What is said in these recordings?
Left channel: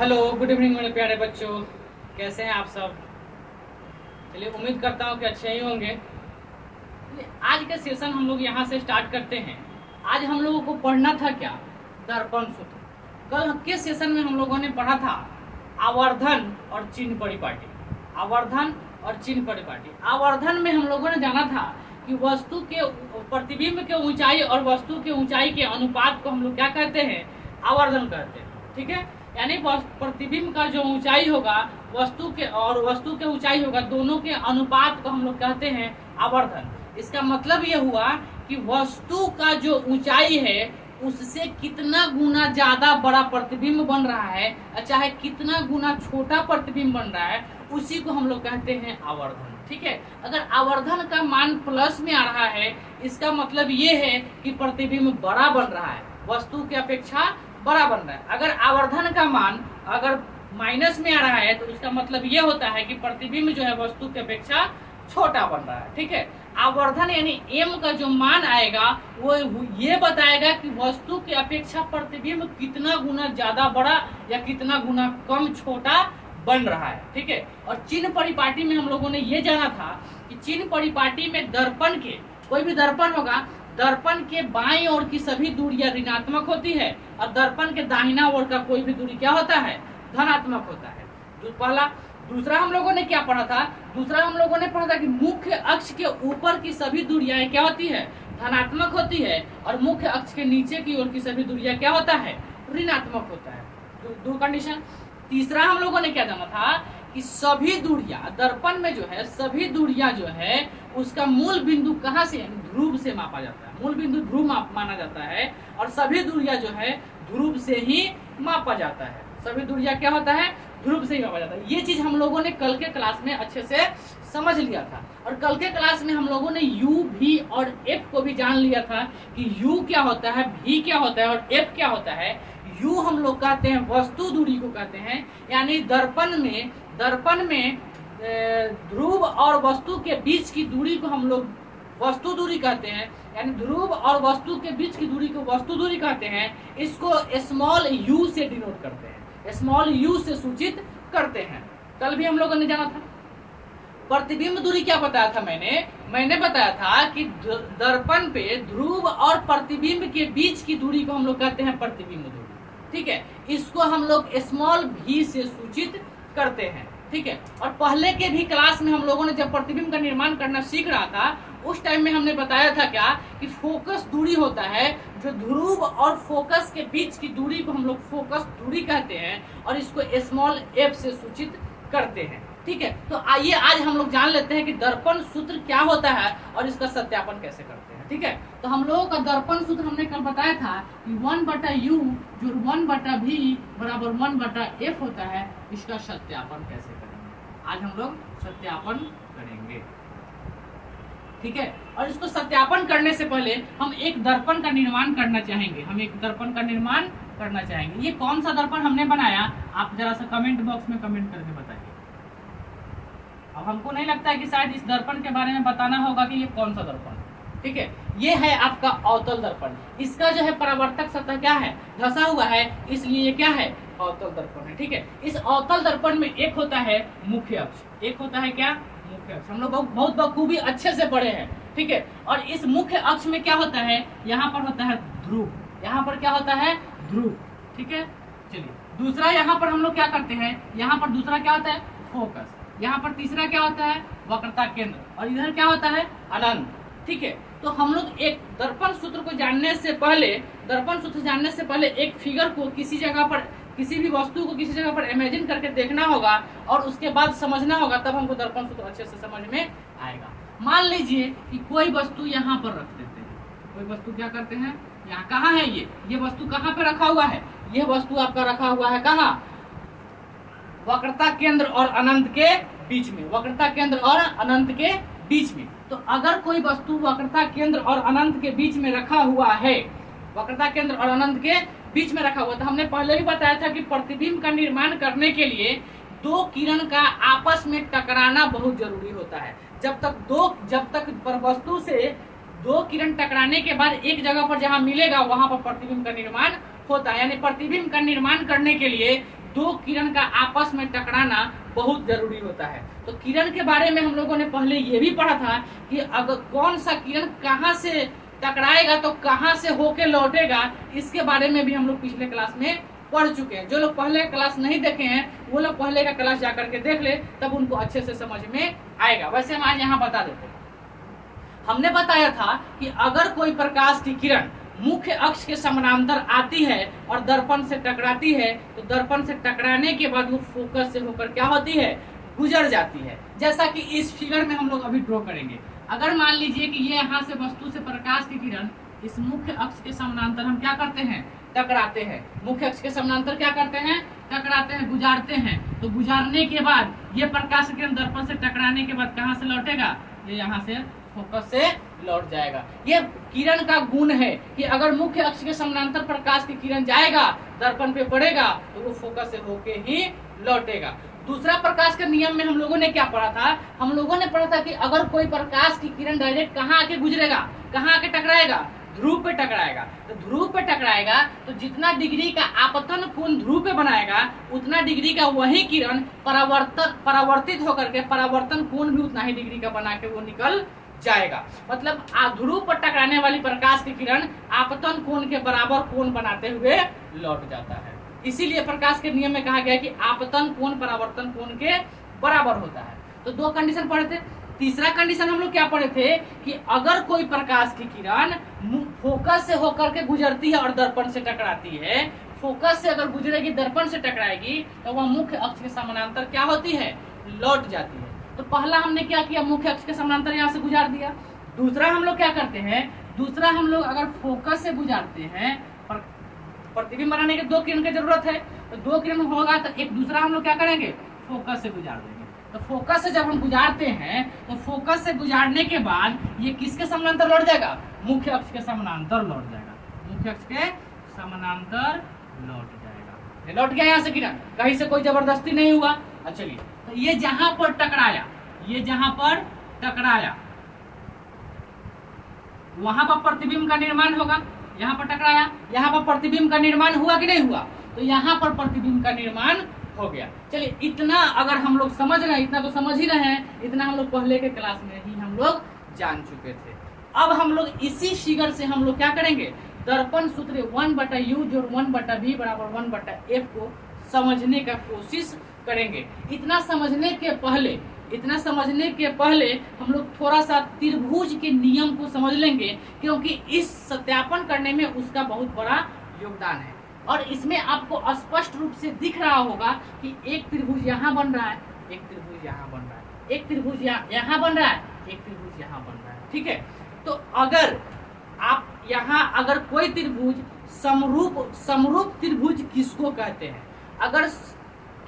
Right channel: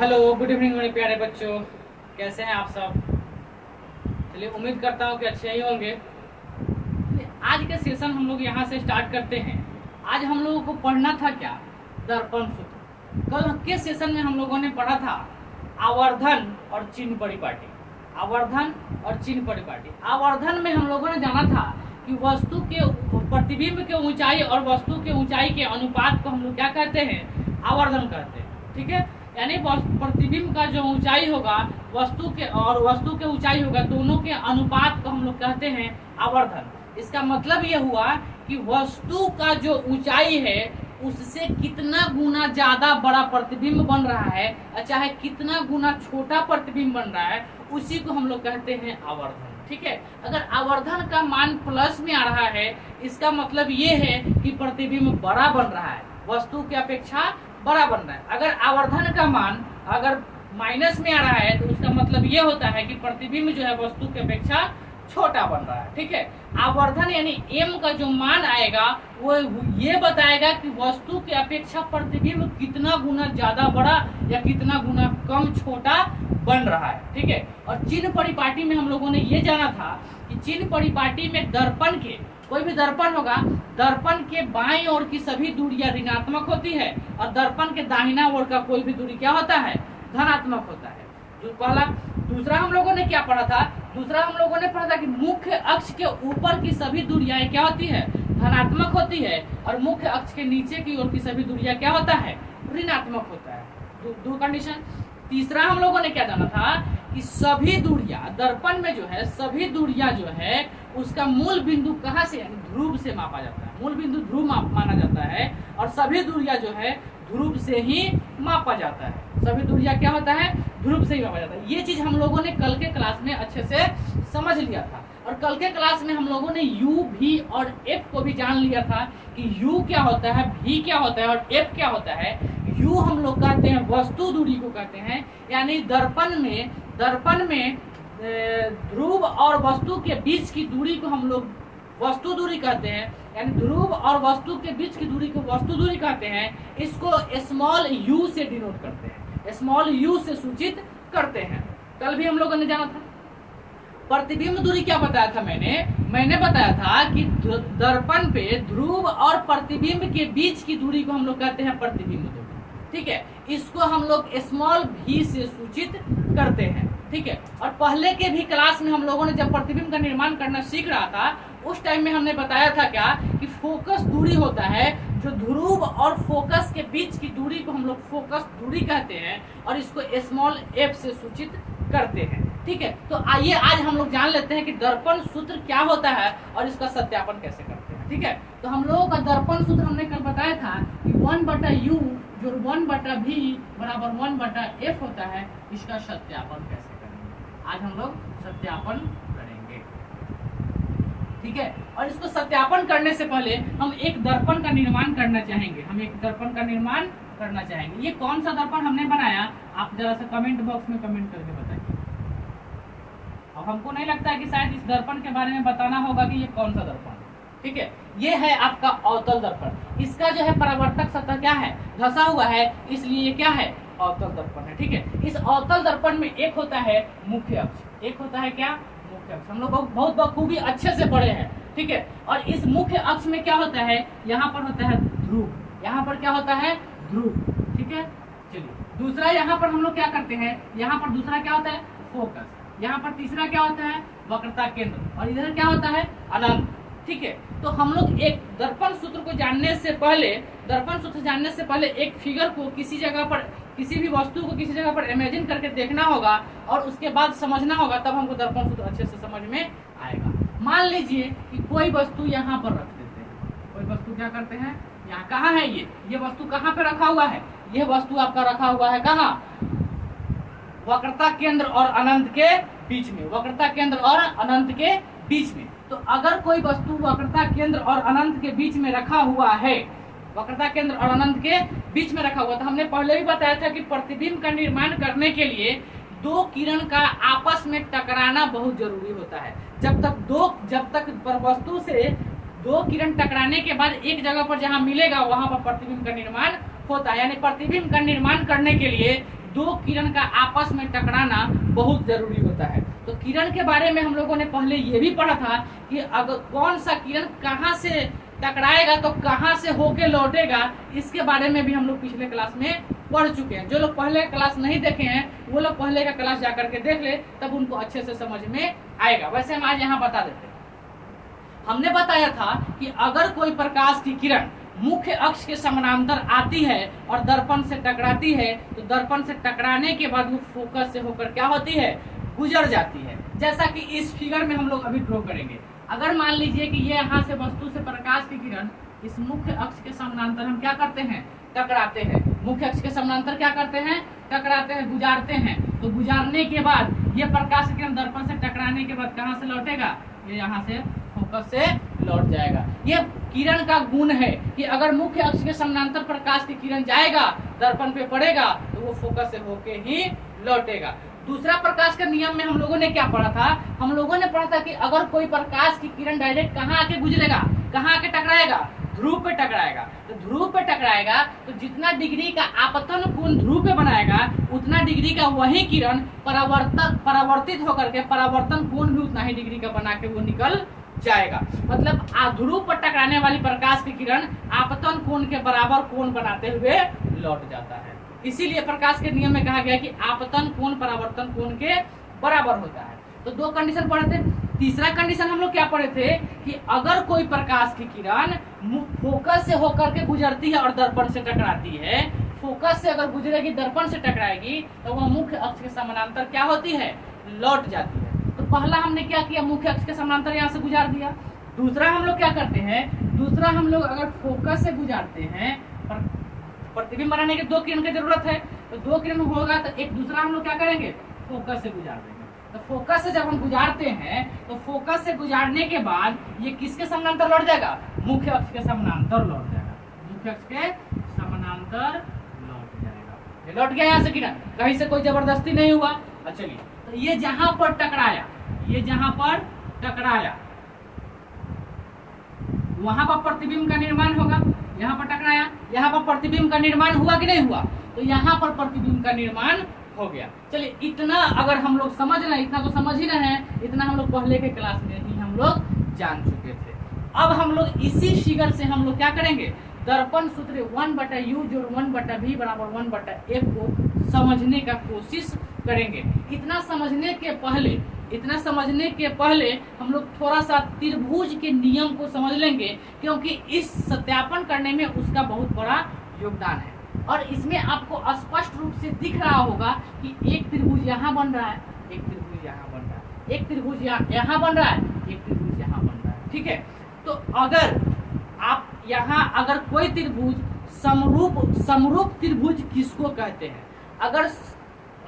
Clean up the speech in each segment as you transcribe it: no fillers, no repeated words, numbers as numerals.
Hello, good evening मेरे प्यारे बच्चों। कैसे हैं आप सब? चलिए, उम्मीद करता हूँ कि अच्छे ही होंगे। आज का सेशन हम लोग यहाँ से स्टार्ट करते हैं। आज हम लोगों को पढ़ना था क्या? दर्पण सूत्र। कल के सेशन में हम लोगों ने पढ़ा था आवर्धन और चिन्ह परिपाटी। आवर्धन और चिन्ह परिपाटी। आवर्धन में हम लोगों ने जाना था कि वस्तु के प्रतिबिंब के ऊंचाई और वस्तु के ऊंचाई के अनुपात को हम लोग क्या कहते हैं? आवर्धन कहते हैं। ठीक है, यानी प्रतिबिंब का जो ऊंचाई होगा वस्तु के ऊंचाई होगा, दोनों के अनुपात को हम लोग कहते हैं आवर्धन। इसका मतलब ये हुआ कि वस्तु का जो ऊंचाई है उससे कितना गुना ज्यादा बड़ा प्रतिबिंब बन रहा है, चाहे कितना गुना छोटा प्रतिबिंब बन रहा है, उसी को हम लोग कहते हैं आवर्धन। ठीक है, अगर आवर्धन का मान प्लस में आ रहा है, इसका मतलब ये है कि प्रतिबिंब बड़ा बन रहा है, वस्तु की अपेक्षा बड़ा बन रहा है। अगर आवर्धन का मान अगर माइनस में आ रहा है तो उसका मतलब ये होता है कि प्रतिबिंब जो है वस्तु की अपेक्षा छोटा बन रहा है। ठीक है, आवर्धन यानी m का जो मान आएगा वो ये बताएगा कि वस्तु की अपेक्षा प्रतिबिंब कितना गुना ज्यादा बड़ा या कितना गुना कम छोटा बन रहा है। ठीक है, और चिन्ह परिपाटी में हम लोगों ने ये जाना था कि चिन्ह परिपाटी में दर्पण के, कोई भी दर्पण होगा, दर्पण के बाईं ओर की सभी दूरियां ऋणात्मक होती है और दर्पण के दाहिना ओर का कोई भी दूरी क्या होता है? धनात्मक होता है। जो पहला। दूसरा हम लोगों ने क्या पढ़ा था? दूसरा हम लोगों ने पढ़ा था कि मुख्य अक्ष के ऊपर की सभी दूरियां क्या होती है? धनात्मक होती है और मुख्य अक्ष के नीचे की ओर की सभी दूरियां क्या होता है? ऋणात्मक होता है। दो कंडीशन। तीसरा हम लोगों ने क्या जाना था कि सभी दूरियां दर्पण में जो है, सभी दूरियां जो है उसका मूल बिंदु कहाँ से, ध्रुव से मापा जाता है। मूल बिंदु ध्रुव माना जाता है और सभी दूरियां जो है ध्रुव से ही मापा जाता है। सभी दूरियां क्या होता है? ध्रुव से ही मापा जाता है। ये चीज हम लोगों ने कल के क्लास में अच्छे से समझ लिया था और कल के क्लास में हम लोगों ने u, v और f को भी जान लिया था कि u क्या होता है, v क्या होता है और f क्या होता है। u हम लोग कहते हैं वस्तु दूरी को कहते हैं, यानी दर्पण में ध्रुव और वस्तु के बीच की दूरी को हम लोग वस्तु दूरी कहते हैं, यानी ध्रुव और वस्तु के बीच की दूरी को वस्तु दूरी कहते हैं। इसको स्मॉल u से डिनोट करते हैं, स्मॉल u से सूचित करते हैं। कल भी हम लोगों ने जाना था। प्रतिबिंब दूरी क्या बताया था? मैंने बताया था कि दर्पण पे ध्रुव और प्रतिबिंब के बीच की दूरी को हम लोग कहते हैं प्रतिबिंब दूरी। ठीक है, इसको हम लोग स्मॉल v से सूचित करते हैं। ठीक है, और पहले के भी क्लास में हम लोगों ने जब प्रतिबिंब का निर्माण करना सीख रहा था उस टाइम में हमने बताया था क्या कि फोकस दूरी होता है, जो ध्रुव और फोकस के बीच की दूरी को हम लोग फोकस दूरी कहते हैं और इसको स्मॉल f से सूचित करते हैं। ठीक है, तो आइए आज हम लोग जान लेते हैं कि दर्पण सूत्र क्या होता है और इसका सत्यापन कैसे करते हैं। ठीक है, तो हम लोगों का दर्पण सूत्र हमने कल बताया था कि 1/u जो 1/v बराबर 1/f होता है। इसका सत्यापन कैसे करेंगे आज हम लोग सत्यापन करेंगे। ठीक है, और इसको सत्यापन करने से पहले हम एक दर्पण का निर्माण करना चाहेंगे। ये कौन सा दर्पण हमने बनाया आप जरा सा कमेंट बॉक्स में कमेंट करके बताइए। अब हमको नहीं लगता है कि शायद इस दर्पण के बारे में बताना होगा कि ये कौन सा दर्पण है। ठीक है, ये है आपका अवतल दर्पण। इसका जो है परावर्तक सतह क्या है? धंसा हुआ है, इसलिए ये क्या है? अवतल दर्पण है। ठीक है, इस अवतल दर्पण में एक होता है मुख्य अक्ष, एक होता है क्या? मुख्य अक्ष। हम लोग बहुत बखूबी अच्छे से पढ़े हैं। ठीक है, और इस मुख्य अक्ष में क्या होता है? यहाँ पर होता है ध्रुव, यहाँ पर क्या होता है? ध्रुव। ठीक है, चलिए दूसरा यहाँ पर हम लोग क्या करते हैं? यहाँ पर दूसरा क्या होता है? फोकस। यहाँ पर तीसरा क्या होता है? वक्रता केंद्र। और इधर क्या होता है? अनंत। ठीक है, तो हम लोग एक दर्पण सूत्र को जानने से पहले एक फिगर को किसी जगह पर, किसी भी वस्तु को किसी जगह पर इमेजिन करके देखना होगा और उसके बाद समझना होगा, तब हमको दर्पण सूत्र अच्छे से समझ में आएगा। मान लीजिए कि कोई वस्तु यहाँ पर रख देते हैं। कोई वस्तु क्या करते हैं? यहाँ कहाँ है ये वस्तु कहाँ पे रखा हुआ है? यह वस्तु आपका रखा हुआ है कहाँ? वक्रता केंद्र और अनंत के बीच में। वक्रता केंद्र और अनंत के बीच में। तो अगर कोई वस्तु वक्रता केंद्र और अनंत के बीच में रखा हुआ है, वक्रता केंद्र और अनंत के बीच में रखा हुआ, तो हमने पहले भी बताया था कि प्रतिबिंब का निर्माण करने के लिए दो किरण का आपस में टकराना बहुत जरूरी होता है। जब तक वस्तु से दो किरण टकराने के बाद एक जगह पर जहाँ मिलेगा वहां पर प्रतिबिंब का निर्माण होता है। यानी प्रतिबिंब का निर्माण करने के लिए दो किरण का आपस में टकराना बहुत जरूरी होता है। तो किरण के बारे में हम लोगों ने पहले ये भी पढ़ा था कि अगर कौन सा किरण कहाँ से टकराएगा तो कहाँ से होके लौटेगा, इसके बारे में भी हम लोग पिछले क्लास में पढ़ चुके हैं। जो लोग पहले क्लास नहीं देखे हैं वो लोग पहले का क्लास जाकर के देख ले, तब उनको अच्छे से समझ में आएगा। वैसे हम आज यहाँ बता देते हैं। हमने बताया था कि अगर कोई प्रकाश की किरण मुख्य अक्ष के समानांतर आती है और दर्पण से टकराती है, तो दर्पण से टकराने के बाद वो फोकस से होकर क्या होती है, गुजर जाती है। जैसा कि इस फिगर में हम लोग अभी ड्रॉ करेंगे। अगर मान लीजिए कि ये यहाँ से वस्तु से प्रकाश की किरण इस मुख्य अक्ष के समानांतर हम क्या करते हैं, टकराते हैं। मुख्य अक्ष के समानांतर क्या करते हैं, टकराते हैं, गुजारते हैं। तो गुजारने के बाद ये प्रकाश की किरण दर्पण से टकराने के बाद कहाँ से लौटेगा, ये यहाँ से फोकस से लौट जाएगा। ये किरण का गुण है कि अगर मुख्य अक्ष के समानांतर प्रकाश की किरण जाएगा, दर्पण पे पड़ेगा, तो वो फोकस से होके ही लौटेगा। दूसरा प्रकाश के नियम में हम लोगों ने क्या पढ़ा था, हम लोगों ने पढ़ा था कि अगर कोई प्रकाश की किरण डायरेक्ट कहाँ आके गुजरेगा, कहाँ आके टकराएगा, ध्रुव पे टकराएगा। तो ध्रुव पे टकराएगा तो जितना डिग्री का आपतन कोण ध्रुव पे बनाएगा, उतना डिग्री का वही किरण परावर्तित होकर के परावर्तन कोण भी उतना ही डिग्री का बना के वो निकल जाएगा। मतलब ध्रुव पर टकराने वाली प्रकाश की किरण आपतन कोण के बराबर कोण बनाते हुए लौट जाता है। इसीलिए प्रकाश के नियम में कहा गया कि आपतन कोण परावर्तन कोण के बराबर होता है। तो दो कंडीशन पढ़े थे। तीसरा कंडीशन हम लोग क्या पढ़े थे कि अगर कोई प्रकाश की किरण फोकस से होकर के गुजरती है और दर्पण से टकराती है, फोकस से अगर गुजरेगी दर्पण से टकराएगी, तो वह मुख्य अक्ष के समानांतर क्या होती है, लौट जाती है। तो पहला हमने क्या किया, मुख्य अक्ष के समानांतर यहाँ से गुजार दिया। दूसरा हम लोग क्या करते हैं, दूसरा हम लोग अगर फोकस से गुजारते हैं, प्रतिबिंब बनाने के दो किरण की जरूरत है, तो दो किरण होगा तो एक दूसरा हम लोग क्या करेंगे, फोकस से गुजार देंगे। तो फोकस से जब हम गुजारते हैं तो फोकस से गुजारने के बाद ये किसके समानांतर लौट जाएगा, मुख्य अक्ष के समानांतर लौट जाएगा। मुख्य अक्ष के समानांतर लौट जाएगा। ये लौट गया यहाँ से किरण, कहीं से कोई जबरदस्ती नहीं हुआ। चलिए, तो ये जहां पर टकराया, ये जहां पर टकराया वहां पर प्रतिबिंब का निर्माण होगा। यहाँ पर टकराया, यहाँ पर प्रतिबिंब का निर्माण हुआ कि नहीं हुआ, तो यहाँ पर प्रतिबिंब का निर्माण हो गया। चलिए, इतना अगर हम लोग समझ रहे हैं, इतना तो समझ ही रहे हैं, इतना हम लोग पहले के क्लास में ही हम लोग जान चुके थे। अब हम लोग इसी फिगर से हम लोग क्या करेंगे, दर्पण सूत्र 1/u जोड़ 1/v बराबर 1/f को समझने का कोशिश करेंगे। इतना समझने के पहले हम लोग थोड़ा सा त्रिभुज के नियम को समझ लेंगे, क्योंकि इस सत्यापन करने में उसका बहुत बड़ा योगदान है। और इसमें आपको स्पष्ट रूप से दिख रहा होगा कि एक त्रिभुज यहाँ बन रहा है, एक त्रिभुज यहाँ बन रहा है, एक त्रिभुज यहाँ बन रहा है, एक त्रिभुज यहाँ बन रहा है। ठीक है, तो अगर आप यहाँ अगर कोई त्रिभुज समरूप त्रिभुज किसको कहते हैं, अगर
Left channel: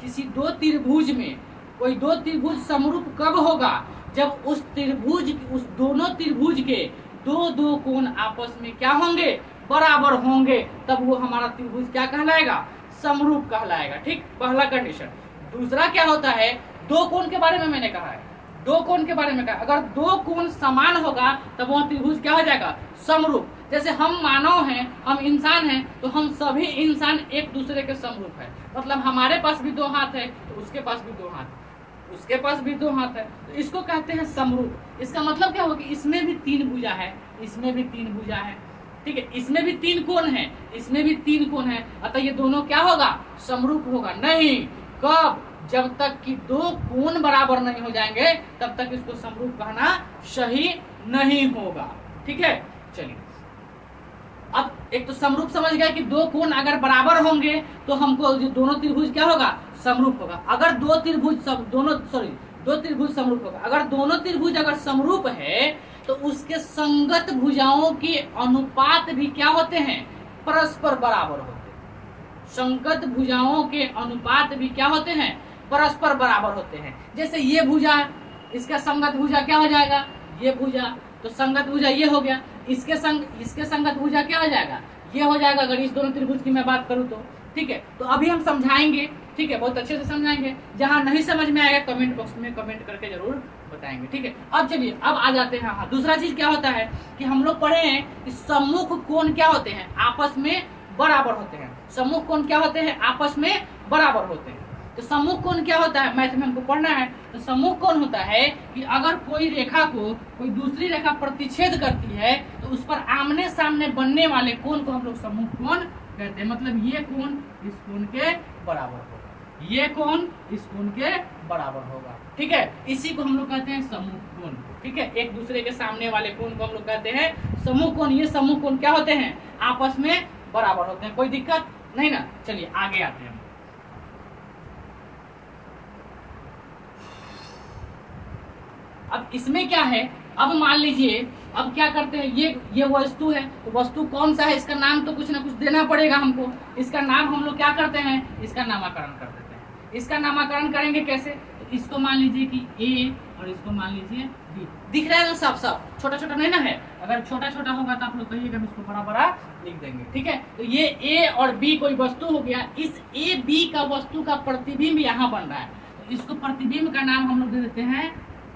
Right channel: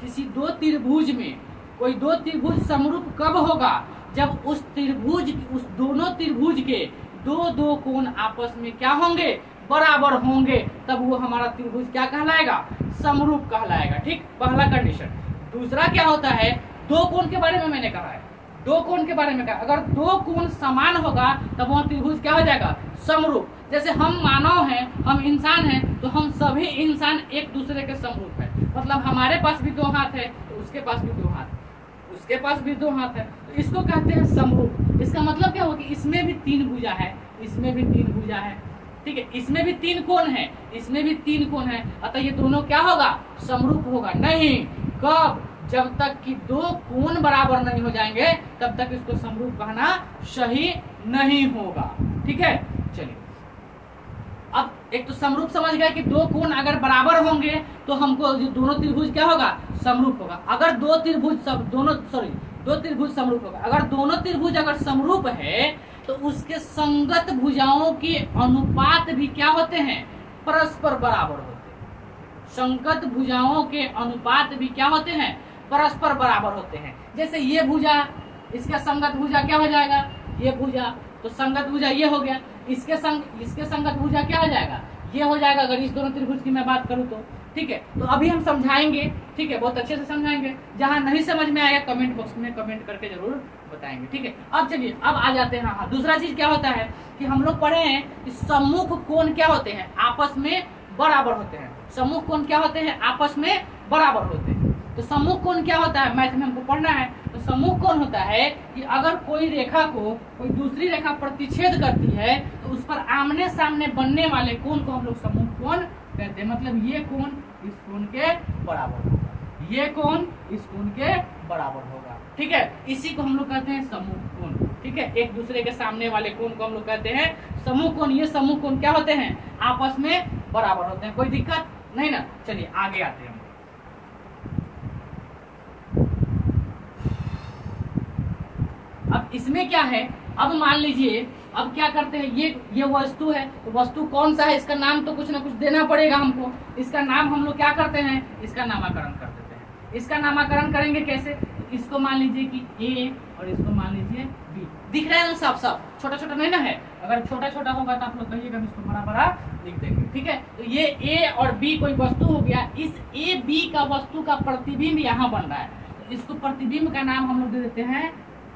किसी दो त्रिभुज में कोई दो त्रिभुज समरूप कब होगा, जब उस दोनों त्रिभुज के दो कोण आपस में क्या होंगे, बराबर होंगे, तब वो हमारा त्रिभुज क्या कहलाएगा, समरूप कहलाएगा। ठीक, पहला कंडीशन। दूसरा क्या होता है, दो कोण के बारे में मैंने कहा है, दो कोण के बारे में कहा, अगर दो कोण समान होगा तब वह त्रिभुज क्या हो जाएगा, समरूप। जैसे हम मानव हैं, हम इंसान हैं, तो हम सभी इंसान एक दूसरे के समरूप है। मतलब हमारे पास भी दो हाथ है तो उसके पास भी दो हाथ, उसके पास भी दो हाथ है, तो इसको कहते हैं समरूप। इसका मतलब क्या होगा कि इसमें भी तीन भुजा है, इसमें भी तीन भुजा है। ठीक है, इसमें भी तीन कोण है, इसमें भी तीन कोण है, अतः ये दोनों क्या होगा, समरूप होगा। नहीं, कब, जब तक कि दो कोण बराबर नहीं हो जाएंगे तब तक इसको समरूप कहना सही नहीं होगा। ठीक है, चलिए, अब एक तो समरूप समझ गया कि दो कोण अगर बराबर होंगे तो हमको जो दोनों त्रिभुज क्या होगा, समरूप होगा। अगर दो त्रिभुज समरूप होगा, अगर दोनों त्रिभुज अगर समरूप है तो उसके संगत भुजाओं के अनुपात भी क्या होते हैं, परस्पर बराबर होते हैं। संगत भुजाओं के अनुपात भी क्या होते हैं, परस्पर बराबर होते हैं। जैसे ये भुजा, इसका संगत भुजा क्या हो जाएगा, ये भुजा, तो संगत भुजा ये हो गया, इसके संगत भुजा क्या हो जाएगा, ये हो जाएगा, अगर इस दोनों त्रिभुज की मैं बात करूं तो। ठीक है, तो अभी हम समझाएंगे, ठीक है, बहुत अच्छे से समझाएंगे। जहां नहीं समझ में आएगा कमेंट बॉक्स में कमेंट करके जरूर बताएंगे। ठीक है, अब चलिए, अब आ जाते हैं। दूसरा चीज क्या होता है कि हम लोग पढ़े हैं कि सम्मुख कोण क्या होते हैं, आपस में बराबर होते हैं। समूह कोण क्या होते हैं? आपस में बराबर होते हैं। तो समूह कोण क्या होता है? मैथ में हमको पढ़ना है। तो समूह कोण होता है कि अगर कोई रेखा को कोई दूसरी रेखा प्रतिच्छेद करती है तो उस पर आमने सामने बनने वाले कोण को हम लोग समूह कोण कहते हैं। मतलब ये कोण इस कोण के बराबर होगा, ये कोण इस कोण के बराबर होगा। ठीक है, इसी को हम लोग कहते हैं समूह कोण। ठीक है, एक दूसरे के सामने वाले कोण को हम लोग कहते हैं समूह कोण। ये समूह कोण क्या होते हैं? आपस में बराबर होते हैं। कोई दिक्कत नहीं ना? चलिए आगे आते हैं। अब इसमें क्या है? अब मान लीजिए, अब क्या करते हैं, ये वस्तु है, तो वस्तु कौन सा है इसका नाम तो कुछ ना कुछ देना पड़ेगा हमको। इसका नाम हम लोग क्या करते हैं? इसका नामकरण कर देते हैं। इसका नामकरण करेंगे कैसे? इसको मान लीजिए कि ए और इसको मान लीजिए बी। दिख रहा है ना? सब छोटा छोटा नहीं ना है? अगर छोटा छोटा होगा तो आप लोग कहिएगा, हम इसको बड़ा बड़ा लिख देंगे। ठीक है, तो ये ए और बी कोई वस्तु हो गया। इस ए बी का वस्तु का प्रतिबिंब यहाँ बन रहा है, तो इसको प्रतिबिंब का नाम हम लोग दे देते हैं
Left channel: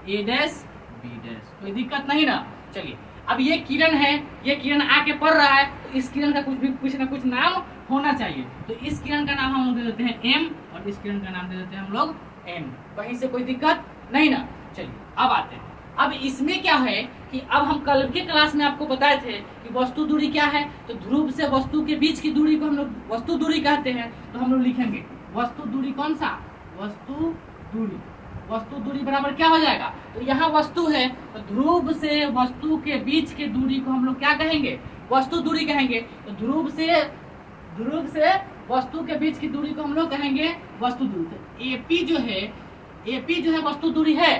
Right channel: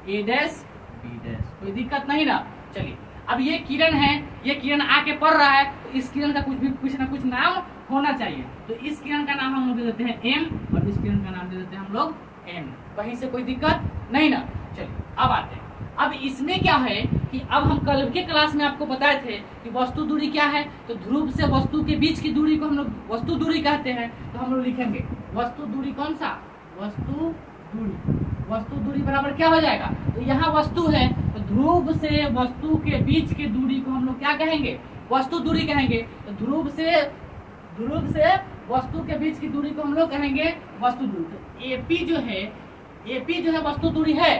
ए डैश बी डैश। कोई दिक्कत नहीं ना? चलिए, अब ये किरण है, ये किरण आके पड़ रहा है, तो इस किरण का कुछ ना कुछ नाम होना चाहिए। तो इस किरण का नाम हम लोग दे देते हैं एम और इस किरण का नाम दे देते हैं हम लोग एन। कहीं से कोई दिक्कत नहीं ना? चलिए अब आते हैं। अब इसमें क्या है कि अब हम कल के क्लास में आपको बताए थे कि वस्तु दूरी क्या है। तो ध्रुव से वस्तु के बीच की दूरी को हम लोग वस्तु दूरी कहते हैं। तो हम लोग लिखेंगे वस्तु दूरी कौन सा? वस्तु दूरी बराबर क्या हो जाएगा? तो यहाँ वस्तु है, तो ध्रुव से वस्तु के बीच की दूरी को हम लोग क्या कहेंगे? वस्तु दूरी कहेंगे। तो ध्रुव से वस्तु के बीच की दूरी को हम लोग कहेंगे वस्तु दूरी। तो एपी जो है वस्तु दूरी है।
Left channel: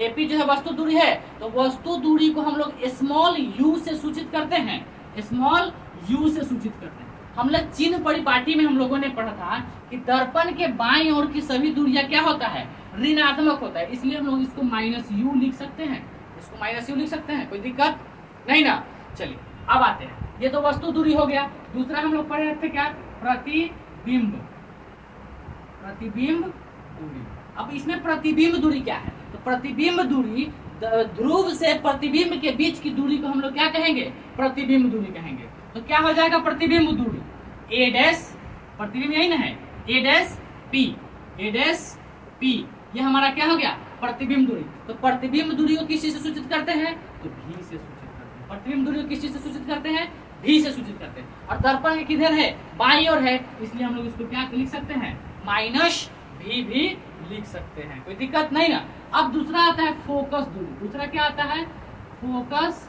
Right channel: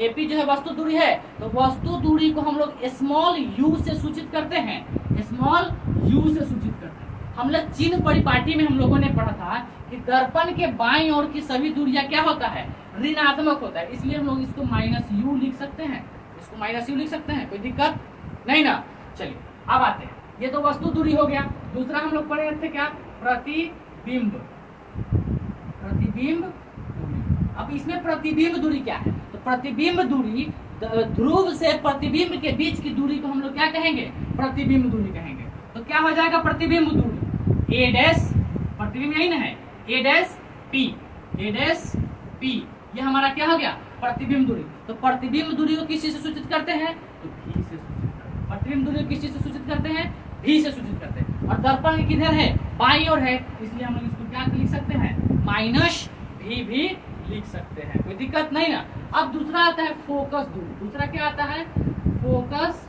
एपी जो है वस्तु दूरी है, तो वस्तु दूरी को हम लोग स्मॉल यू से सूचित करते हैं। स्मॉल यू से सूचित करते हैं। हम लोग चिन्ह परिपाटी में हम लोगों ने पढ़ा था कि दर्पण के बाईं ओर की सभी दूरियां क्या होता है? ऋणात्मक होता है। इसलिए हम लोग इसको माइनस यू लिख सकते हैं। इसको माइनस यू लिख सकते हैं, कोई दिक्कत नहीं ना? चलिए अब आते हैं। ये तो वस्तु दूरी हो गया। दूसरा हम लोग पढ़े थे क्या? प्रतिबिंब दूरी। अब इसमें प्रतिबिंब दूरी क्या है? तो प्रतिबिंब दूरी, ध्रुव से प्रतिबिंब के बीच की दूरी को हम लोग क्या कहेंगे? प्रतिबिंब दूरी कहेंगे। तो क्या हो जाएगा प्रतिबिंब दूरी? ए डैश, प्रतिबिंब यही ना है, ए डैश पी। ये हमारा क्या हो गया? प्रतिबिंब दूरी। तो प्रतिबिंब दूरी को किस चीज से सूचित करते हैं? तो भी से सूचित करते हैं। प्रतिबिंब दूरी को किस चीज से सूचित करते हैं? भी से सूचित करते हैं। और दर्पण किधर है? बाईं ओर है, इसलिए हम लोग इसको क्या लिख सकते हैं? माइनस भी लिख सकते हैं। कोई दिक्कत नहीं ना? अब दूसरा आता है फोकस दूरी। दूसरा क्या आता है? फोकस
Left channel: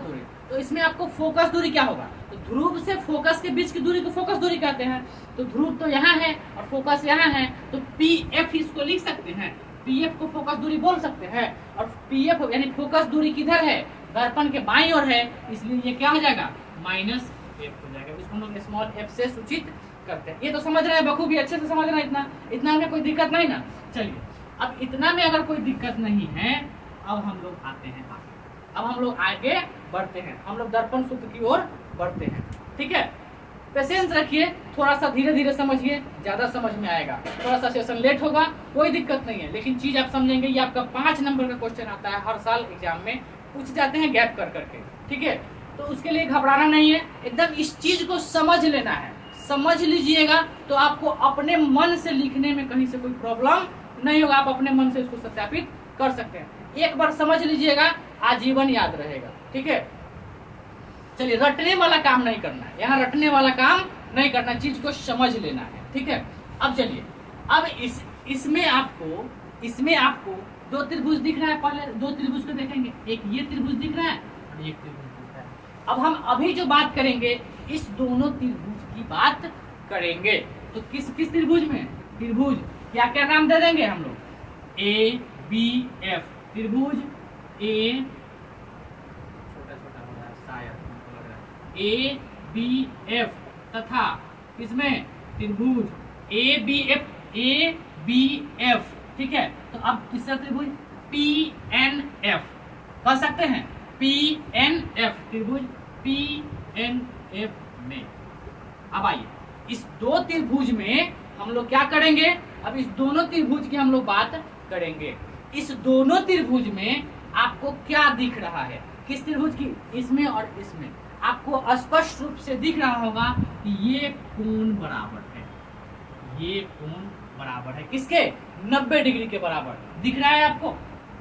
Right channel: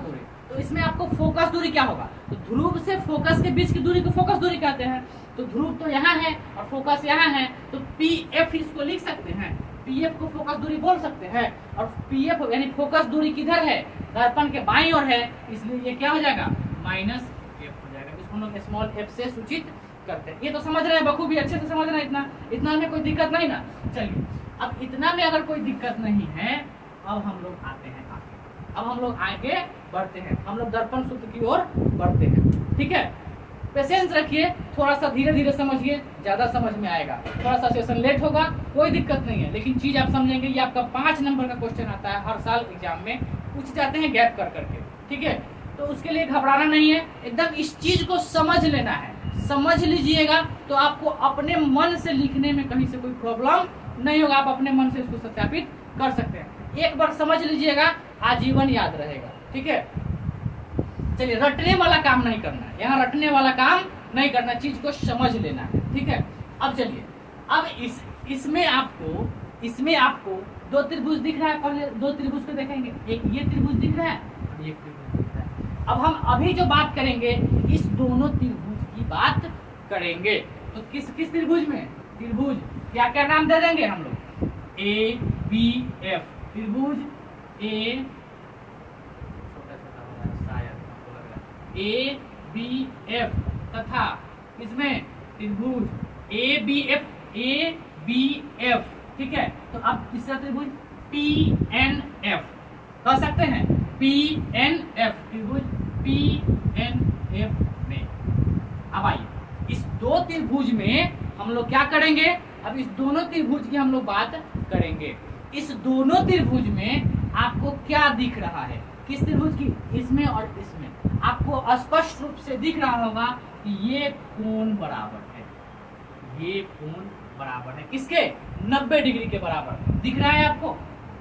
दूरी। तो इसमें आपको फोकस दूरी क्या होगा? तो ध्रुव से फोकस के बीच की दूरी को फोकस दूरी कहते हैं। तो ध्रुव तो यहाँ है और फोकस यहाँ है, तो पी एफ इसको लिख सकते हैं। पी एफ को फोकस दूरी बोल सकते हैं। और पी एफ यानी फोकस दूरी किधर है? दर्पण के बाईं ओर है, इसलिए ये क्या हो जाएगा? माइनस एफ हो जाएगा। इसको हम लोग स्मॉल एफ से सूचित करते हैं। ये तो समझ रहे हैं बखूबी, अच्छे से समझ रहे हैं। इतना में कोई दिक्कत नहीं ना? चलिए, अब इतना में अगर कोई दिक्कत नहीं है, अब हम लोग आते हैं आगे। अब हम लोग आगे बढ़ते हैं, हम लोग दर्पण सूत्र की ओर बढ़ते हैं। ठीक है, पेशेंस रखिए, थोड़ा सा धीरे धीरे समझिए, ज्यादा समझ में आएगा। थोड़ा सा सेशन लेट होगा, कोई दिक्कत नहीं है, लेकिन चीज आप समझेंगे। ये आपका 5 नंबर का क्वेश्चन आता है, हर साल एग्जाम में पूछ जाते हैं गैप कर करके। ठीक है, तो उसके लिए घबराना नहीं है, एकदम इस चीज को समझ लेना है। समझ लीजिएगा तो आपको अपने मन से लिखने में कहीं से कोई प्रॉब्लम नहीं होगा। आप अपने मन से इसको सत्यापित कर सकते हैं। एक बार समझ लीजिएगा, आजीवन याद रहेगा। ठीक है, चलिए, रटने वाला काम नहीं करना है, यहाँ रटने वाला काम नहीं करना, चीज को समझ लेना है। ठीक है, अब चलिए, अब इसमें आपको 2 त्रिभुज दिख रहा है। पहले 2 त्रिभुज को देखेंगे, एक ये त्रिभुज दिख रहा है और एक त्रिभुज दिख रहा है। अब हम अभी जो बात करेंगे, इस दोनों त्रिभुज की बात करेंगे। तो किस त्रिभुज में? त्रिभुज क्या नाम दे देंगे हम लोग? A B F. त्रिभुज ए, छोटा हो रहा है शायद, हमको लग रहा है, ए बी एफ तथा इसमें त्रिभुज ए बी एफ। ठीक है, तो अब तीसरा त्रिभुज पी एन एफ कह सकते हैं। पी एन एफ, त्रिभुज पी एन एफ में। अब आइए, इस 2 त्रिभुज में हम लोग क्या करेंगे? अब इस दोनों त्रिभुज की हम लोग बात करेंगे। इस दोनों त्रिभुज में आपको क्या दिख रहा है? किस त्रिभुज की, इसमें और इसमें। आपको स्पष्ट रूप से दिख रहा होगा कि ये कोण बराबर है, ये कोण बराबर है किसके, 90 डिग्री के बराबर। दिख रहा है आपको,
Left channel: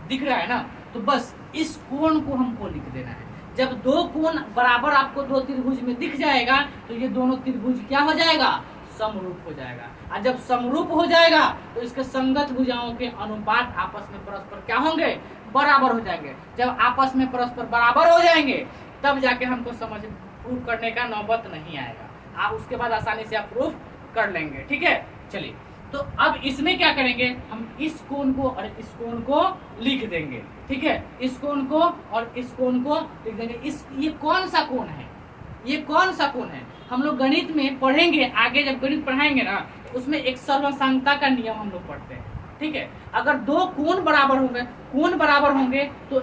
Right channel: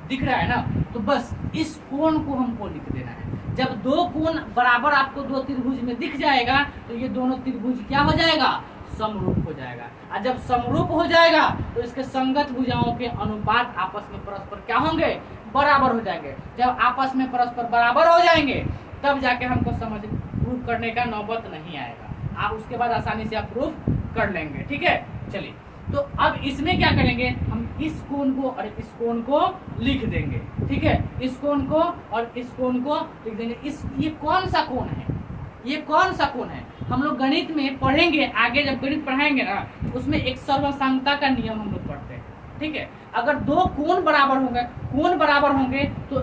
दिख रहा है ना। तो बस इस कोण को हमको लिख देना है। जब दो कोण बराबर आपको दो त्रिभुज में दिख जाएगा तो ये दोनों त्रिभुज क्या हो जाएगा, समरूप हो जाएगा। और जब समरूप हो जाएगा तो इसके संगत भुजाओं के अनुपात आपस में परस्पर क्या होंगे, बराबर हो जाएंगे। जब आपस में परस्पर बराबर हो जाएंगे तब जाके हमको समझ प्रूफ करने का नौबत नहीं आएगा। आप उसके बाद आसानी से आप प्रूफ कर लेंगे। ठीक है, चलिए। तो अब इसमें क्या करेंगे, हम इस कोण को और इस कोण को लिख देंगे। ठीक है, इस कोण को और इस कोण को लिख देंगे। ये कौन सा कोण है, ये कौन सा कोण है, हम लोग गणित में पढ़ेंगे आगे। जब गणित पढ़ाएंगे ना उसमें एक सर्वसांगता का नियम हम लोग पढ़ते हैं। ठीक है, अगर दो कोण बराबर होंगे, कोण बराबर होंगे तो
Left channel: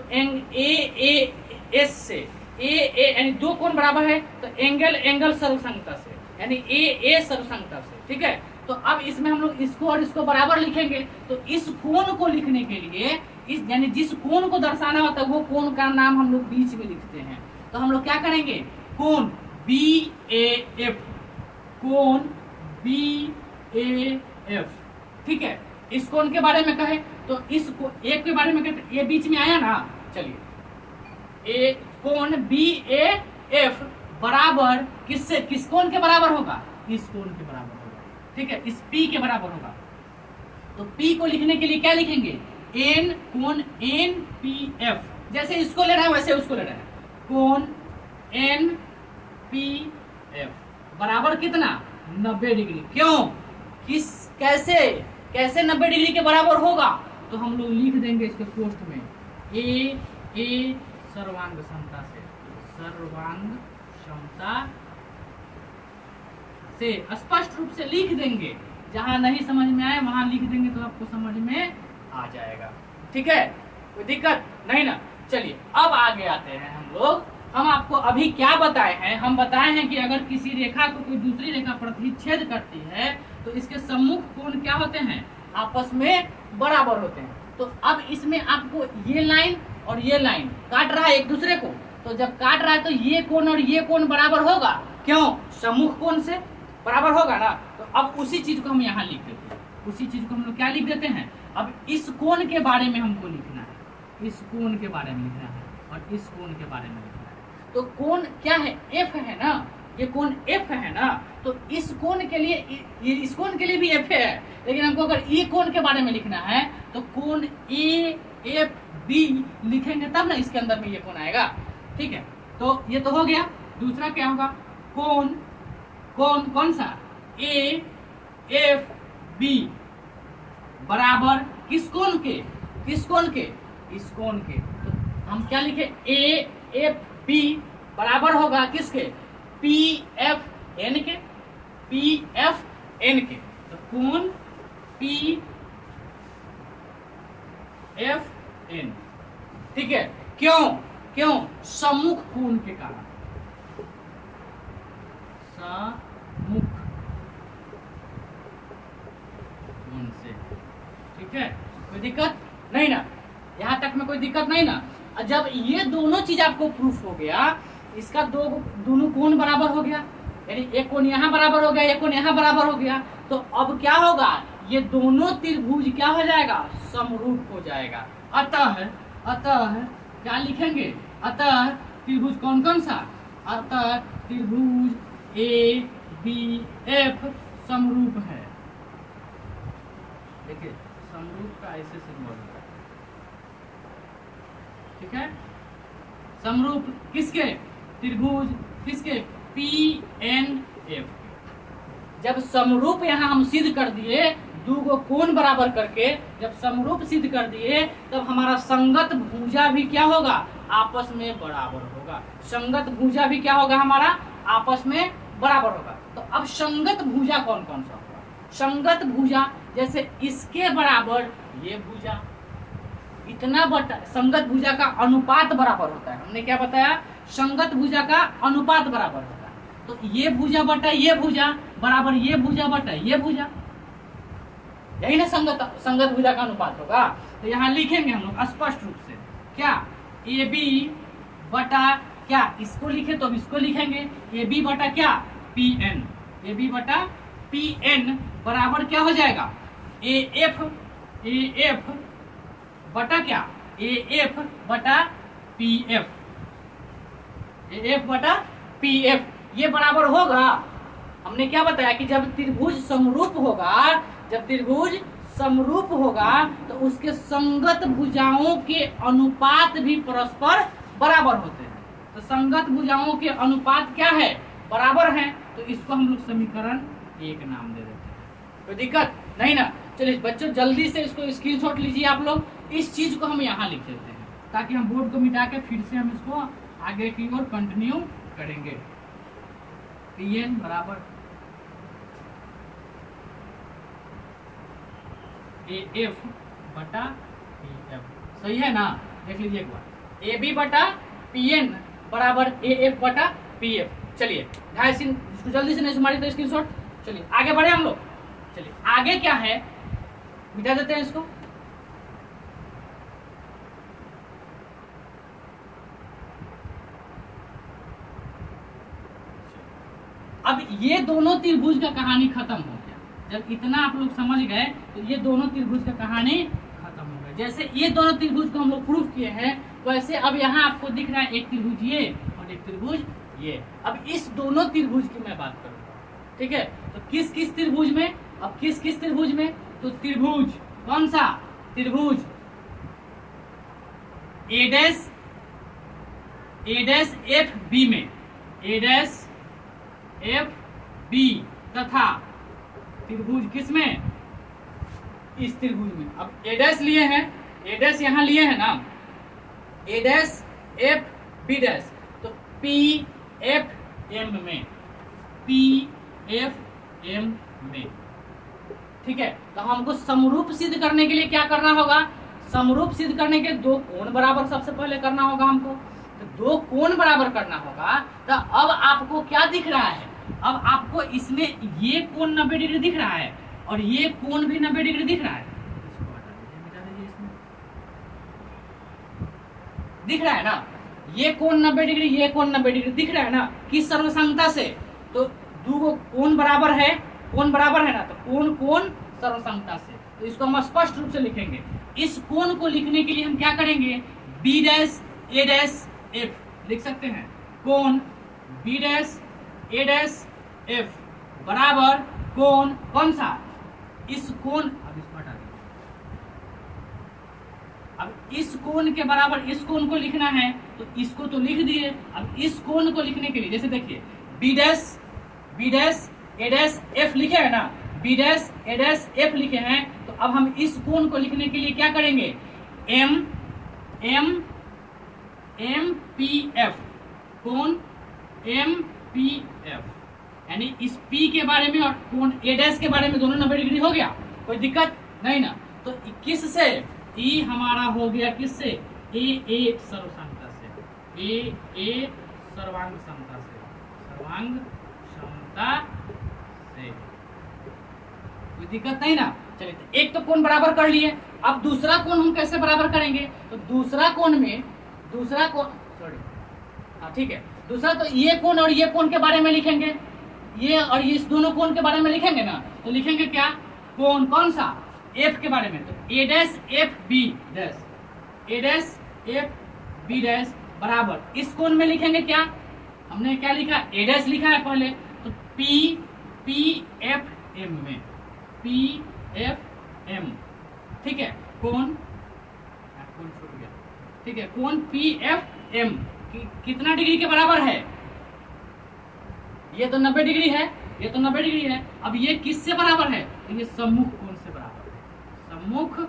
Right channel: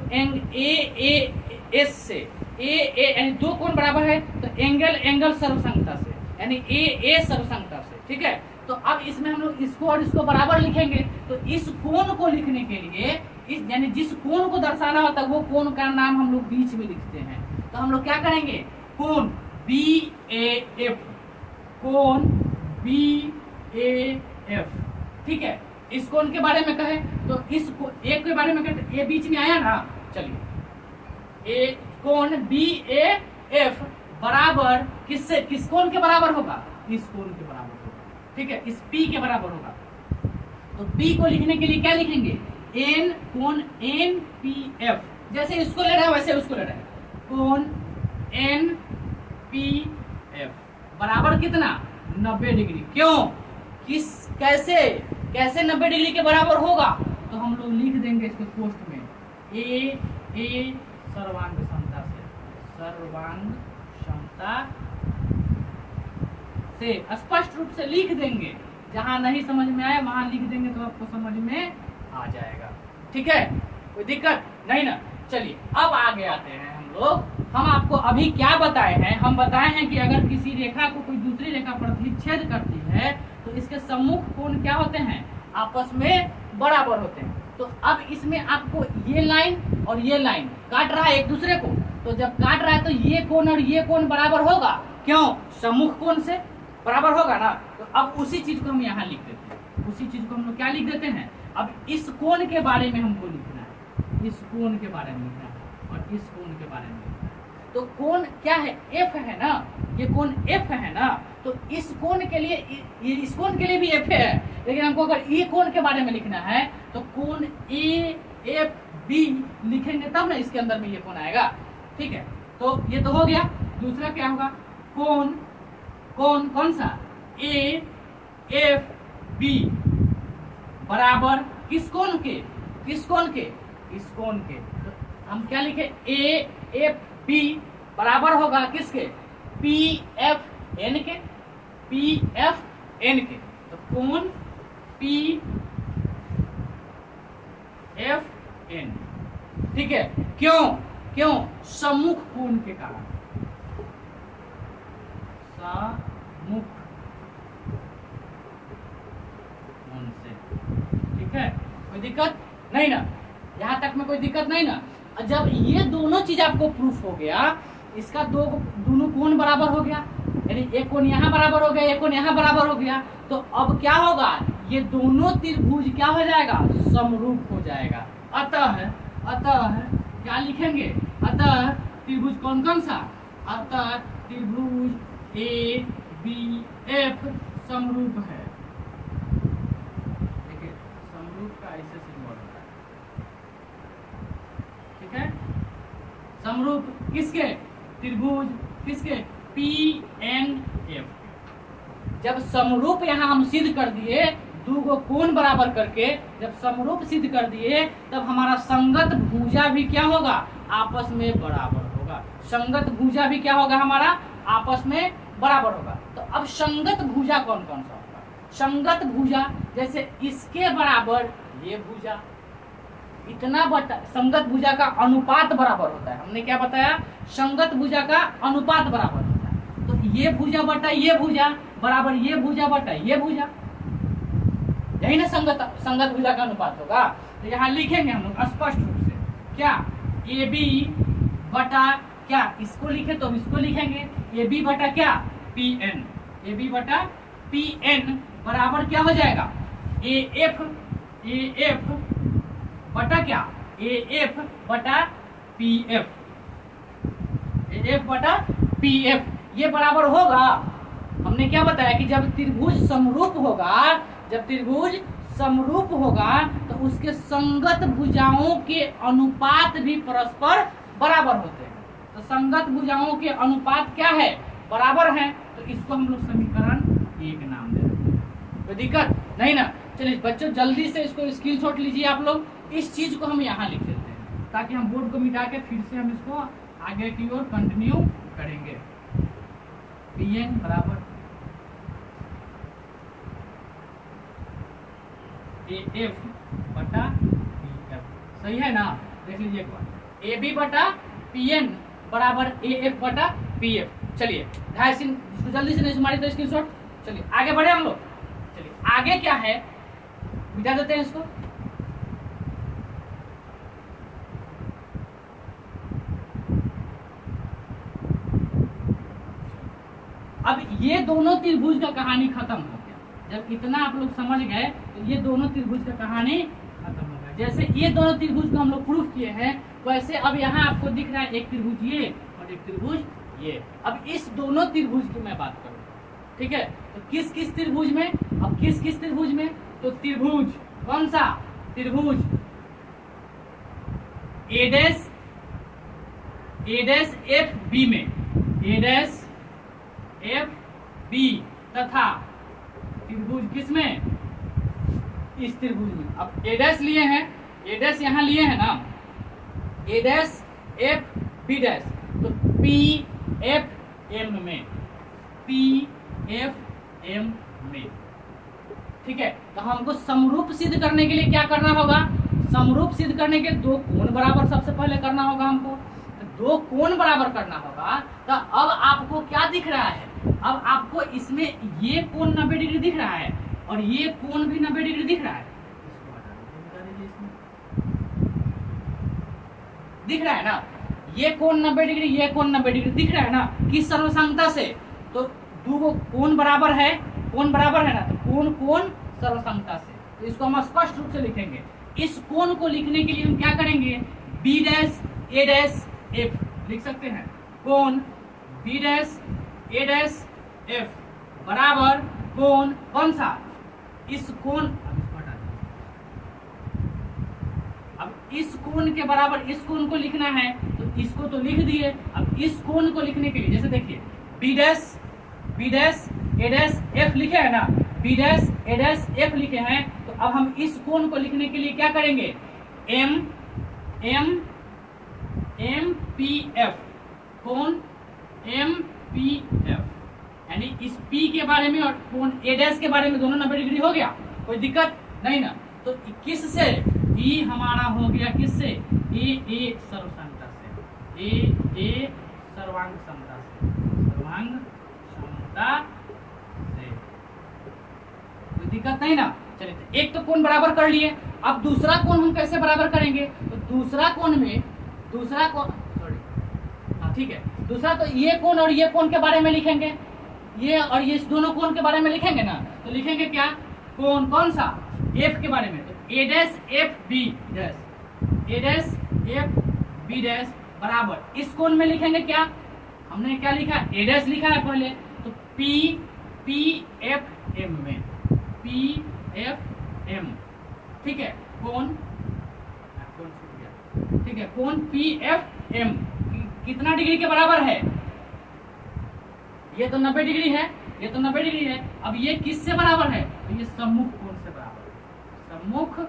एस से यानी दो कोण बराबर है तो एंगल सर्वसंगता से, यानी ए सर्वसंगता से। ठीक है, तो अब इसमें हम लोग इसको और इसको बराबर लिखेंगे। तो इस कोण को लिखने के लिए इस यानी जिस कोण को दर्शाना होता है वो कोण का नाम हम लोग बीच में लिखते हैं। तो हम लोग क्या करेंगे, कोण BAF, कोण BAF। ठीक है, इस कोण के बारे में कहे तो इस एक के बारे में कहते, ये बीच में आया ना। चलिए, ए कोण BAF बराबर किससे, किस कोण के बराबर होगा, इस कोण के बराबर होगा। ठीक है, इस P के बराबर होगा। तो P को लिखने के लिए क्या लिखेंगे, N कोण NPF। जैसे इसको ले रहे हैं वैसे उसको ले रहे हैं, कोण NPF बराबर कितना, 90 डिग्री। क्यों, किस कैसे कैसे 90 डिग्री के बराबर होगा, तो हम लोग लिख देंगे इसके पोस्ट में ए सर्वांग क्षमता से, सर्वांग क्षमता से स्पष्ट रूप से लिख देंगे। जहां नहीं समझ में आए वहां लिख देंगे तो आपको समझ में आ जाएगा। ठीक है, कोई दिक्कत नहीं ना। चलिए अब आगे आते हैं हम लोग। हम आपको अभी क्या बताए हैं, हम बताए हैं कि अगर किसी रेखा को कोई दूसरी रेखा प्रतिच्छेद करती है तो इसके सम्मुख कोण क्या होते हैं, आपस में बराबर होते हैं। तो अब इसमें आपको ये लाइन और ये लाइन काट रहा है एक दूसरे को, तो जब काट रहा है तो ये कोण और ये कोण बराबर होगा। क्यों, सम्मुख कोण से बराबर होगा ना। तो अब उसी चीज को हम यहाँ लिख देते हैं, उसी चीज को हम लोग क्या लिख देते हैं, अब इस कोण के बारे में हमको लिखना है, इस कोण के बारे में लिखना है और इस कोण के बारे में लिखना है। तो कोण क्या है, F है ना, ये कोण F है ना। तो इस कोण के लिए इस कोण के लिए भी F है, लेकिन हमको अगर ये कोण के बारे में लिखना है तो कोण AFB लिखेंगे तब ना इसके अंदर में ये कोण आएगा। ठीक है, तो ये तो हो गया। दूसरा क्या होगा, कोण कौन सा, AFB बराबर किस कोण के, किस कोण के, इस कोण के। तो हम क्या लिखे, AFB बराबर होगा किसके, PFN के, PFN के। तो कोण PFN। ठीक है, क्यों सम्मुख कोण के कारण, सम्मुख कोण से। ठीक है, कोई दिक्कत नहीं ना, यहाँ तक में कोई दिक्कत नहीं ना। जब ये दोनों चीज आपको प्रूफ हो गया, इसका दोनों कोण बराबर हो गया, यानी एक कोण यहाँ बराबर हो गया, एक कोण यहाँ बराबर हो गया, तो अब क्या होगा, ये दोनों त्रिभुज क्या हो जाएगा, समरूप हो जाएगा। अतः क्या लिखेंगे, अतः त्रिभुज कौन कौन सा, अतः त्रिभुज ABF समरूप है। देखिए समरूप का ऐसे सिंबल होता है। ठीक है, समरूप किसके, त्रिभुज किसके, PNF। जब समरूप यहाँ हम सिद्ध कर दिए, दो को कोण बराबर करके जब समरूप सिद्ध कर दिए, तब हमारा संगत भुजा भी क्या होगा, आपस में बराबर होगा। संगत भुजा भी क्या होगा, हमारा आपस में बराबर होगा। तो अब संगत भुजा कौन कौन सा होगा, संगत भुजा जैसे इसके बराबर ये भुजा, इतना बटा, संगत भुजा का अनुपात बराबर होता है। हमने क्या बताया, संगत भुजा का अनुपात बराबर होता है। तो ये भुजा बटा ये भुजा बराबर ये भुजा बटा ये भुजा, यही ना संगत भुजा का अनुपात होगा। तो यहाँ लिखेंगे हम लोग स्पष्ट रूप से क्या, AB बटा क्या, इसको लिखे तो हम इसको लिखेंगे ए बी बटा क्या, पी एन, ए बी बटा पी एन बराबर क्या हो जाएगा, ए एफ बटा क्या, ए एफ बटा पी एफ, ए एफ बटा पी एफ। ये बराबर होगा, हमने क्या बताया कि जब त्रिभुज समरूप होगा, जब त्रिभुज समरूप होगा तो उसके संगत भुजाओं के अनुपात भी परस्पर बराबर होते हैं। तो संगत भुजाओं के अनुपात क्या है, बराबर है, तो इसको हम लोग समीकरण 1 नाम दे देते हैं। कोई दिक्कत नहीं ना। चलिए बच्चों जल्दी से इसको स्क्रीनशॉट लीजिए आप लोग, इस चीज को हम यहाँ लिख देते हैं ताकि हम बोर्ड को मिटा के फिर से हम इसको आगे की ओर कंटिन्यू करेंगे। पी एन बराबर ए एफ बटा पी एफ, सही है ना, देख लीजिए एक बार, ए बी बटा पी एन बराबर ए एफ बटा पी एफ। चलिए इसको जल्दी से नहीं सुमारी तो स्क्रीनशॉट। चलिए आगे बढ़े हम लोग, चलिए आगे क्या है मिटा देते हैं इसको। अब ये दोनों त्रिभुज का कहानी खत्म हो गया, जब इतना आप लोग समझ गए तो ये दोनों त्रिभुज का कहानी खत्म हो गया। जैसे ये दोनों त्रिभुज को हम लोग प्रूफ किए हैं, वैसे अब यहाँ आपको दिख रहा है एक त्रिभुज ये और एक त्रिभुज ये। अब इस दोनों त्रिभुज की मैं बात करूंगा, ठीक है, तो किस किस त्रिभुज में, अब किस किस त्रिभुज में, तो त्रिभुज कौन सा, त्रिभुज ए डैश एफ बी में, ए डैश एफ बी तथा त्रिभुज किसमें, इस त्रिभुज में। अब ए डैश लिए हैं, ए डैश यहाँ लिए हैं ना, ए डैश एफ बी डैश, तो पी एफ एम में, पी एफ एम में, ठीक है। तो हमको समरूप सिद्ध करने के लिए क्या करना होगा, समरूप सिद्ध करने के दो कोण बराबर सबसे पहले करना होगा हमको। तो दो कोण बराबर करना होगा, तो अब आपको क्या दिख रहा है, अब आपको इसमें ये कोण 90 डिग्री दिख रहा है और ये कोण भी 90 डिग्री दिख रहा है, इसको हटा दीजिए, इसमें दिख रहा है ना, ये कोण 90 डिग्री, ये कोण 90 डिग्री दिख रहा है ना, किस सर्वसंगता से, तो दो कोण बराबर है, कोण बराबर है ना, तो कोण कोण सर्वसंगता से। तो इसको हम स्पष्ट रूप से लिखेंगे। इस कोण को लिखने के लिए हम क्या करेंगे, बी डैश ए डैश एफ लिख सकते हैं, कोण बी डैश ए डैश एफ बराबर कोण कौन सा, इस कोण, अब इसको हटा दीजिए, अब इस कोण के बराबर इस कोण को लिखना है, तो इसको तो लिख दिए। अब इस कोण को लिखने के लिए जैसे देखिए बी डैश ए डैश एफ लिखे है ना, बी डैश ए डैश एफ लिखे हैं, तो अब हम इस कोण को लिखने के लिए क्या करेंगे, M M M P F, कोण एम पी एफ, यानी इस पी के बारे में और कोण ए डैश के बारे में दोनों 90 डिग्री हो गया, कोई दिक्कत नहीं ना। तो किस से, ई हमारा हो गया किससे, ए सर्वसंगता से, ए सर्वांग क्षमता से, सर्वांग क्षमता से, कोई दिक्कत नहीं ना। चलिए एक तो कोण बराबर कर लिए, अब दूसरा कोण हम कैसे बराबर करेंगे, तो दूसरा कोण में, दूसरा कोण सॉरी हाँ ठीक है, दूसरा तो ये कोण और ये कोण के बारे में लिखेंगे, ये और ये इस दोनों कोण के बारे में लिखेंगे ना, तो लिखेंगे क्या, कोण कौन सा, एफ के बारे में, तो ए डैश एफ बी डैश, ए डैश एफ बी डैश बराबर इस कोण में लिखेंगे क्या, हमने क्या लिखा, ए डैश लिखा है पहले, तो पी एफ एम में, पी एफ एम, ठीक है, कोण छूट गया, ठीक है, कोण पी एफ एम कितना डिग्री के बराबर है, ये तो 90 डिग्री है, ये तो 90 डिग्री है। अब ये किससे बराबर है, तो ये सम्मुख कोण से बराबर है, सम्मुख,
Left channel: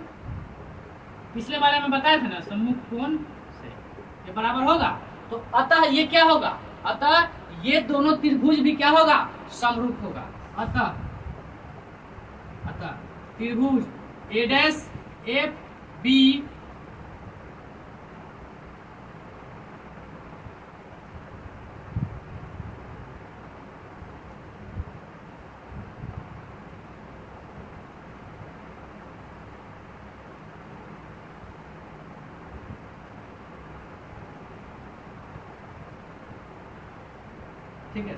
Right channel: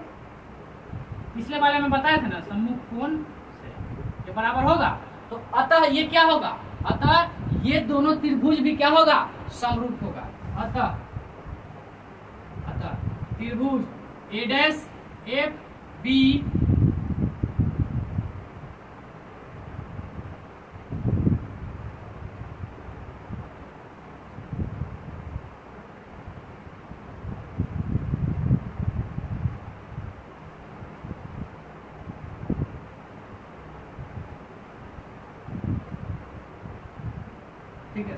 पिछले वाले में बताया था ना, सम्मुख कोण से ये बराबर होगा। तो अतः ये क्या होगा, अतः ये दोनों त्रिभुज भी क्या होगा, समरूप होगा। अतः त्रिभुज ए डैश एफ बी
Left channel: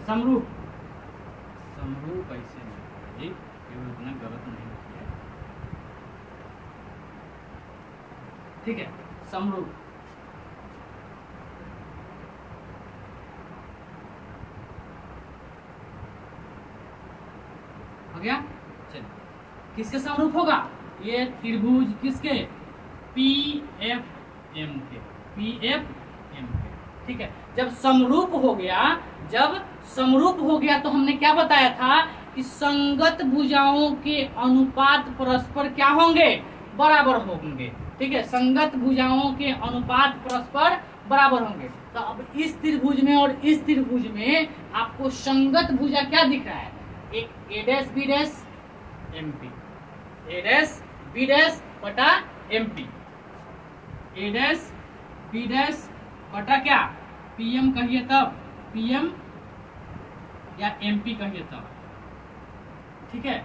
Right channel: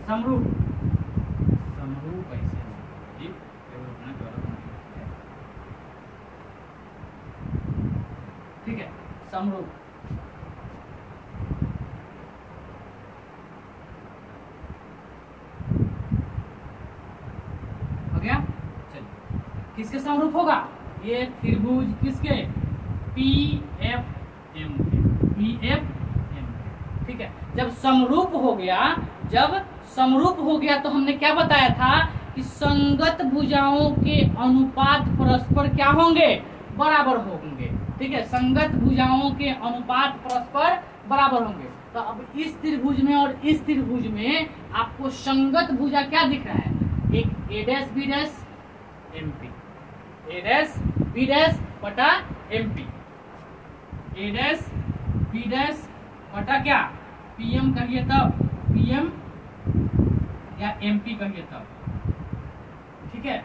समरूप, समरूप ऐसे नहीं, केवल उतना गलत नहीं है, ठीक है, समरूप। हो गया, चलिए किसके समरूप होगा, ये त्रिभुज किसके, पी एफ एम के, पी एफ एम के, ठीक है। जब समरूप हो गया, जब समरूप हो गया तो हमने क्या बताया था कि संगत भुजाओं के अनुपात परस्पर क्या होंगे, बराबर होंगे, ठीक है। संगत भुजाओं के अनुपात परस्पर बराबर होंगे। तो अब इस त्रिभुज में और इस त्रिभुज में आपको संगत भुजा क्या दिख रहा है, एक A dash B dash M P, A dash B dash बटा M P, A dash B dash बटा क्या, पीएम कहिए तब, पीएम या एमपी कहिए तब, ठीक है,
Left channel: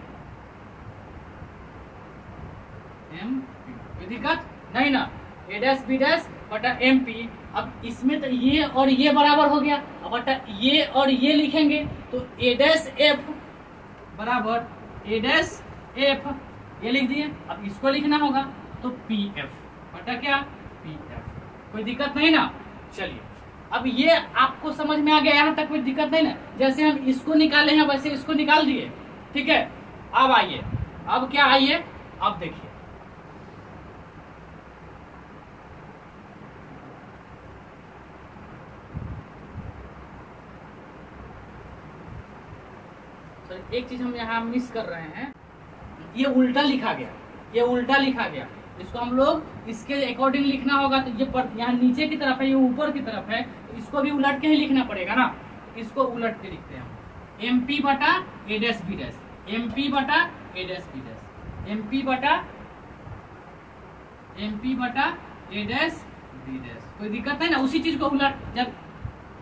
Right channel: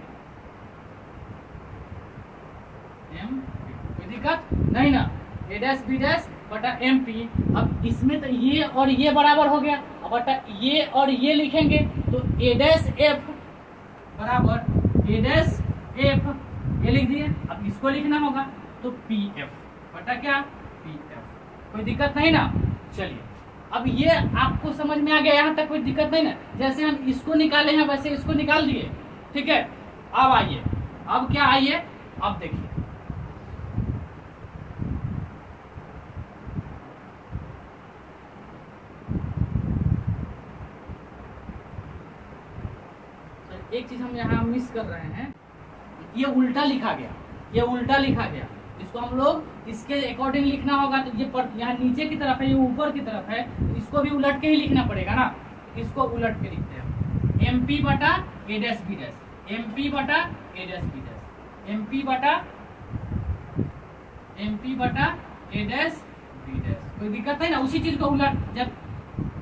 एम कोई दिक्कत नहीं ना, ए डैश बी डैश बटा एम पी। अब इसमें तो ये और ये बराबर हो गया, अब बटा ये और ये लिखेंगे तो ए डैश एफ बराबर ए डैश एफ, ये लिख दिए। अब इसको लिखना होगा तो पी एफ बटा क्या, पी एफ, कोई दिक्कत नहीं ना। चलिए अब ये आपको समझ में आ गया, यहाँ तक कोई दिक्कत नहीं ना। जैसे हम इसको निकाले हैं वैसे इसको निकाल दिए, ठीक है। अब आइए, अब क्या आइए, अब देखिए एक चीज हम यहाँ मिस कर रहे हैं, ये उल्टा लिखा गया, ये उल्टा लिखा गया, इसको हम लोग इसके अकॉर्डिंग लिखना होगा। तो ये यहाँ नीचे की तरफ है, ये ऊपर की तरफ है, तो इसको भी उलट के ही लिखना पड़ेगा ना। इसको उलट के लिखते हैं, एम पी बटा A dash B dash, M P बटा A dash B dash, M P बटा ए डैश बी डैश, कोई दिक्कत नहीं ना। उसी चीज को उलट,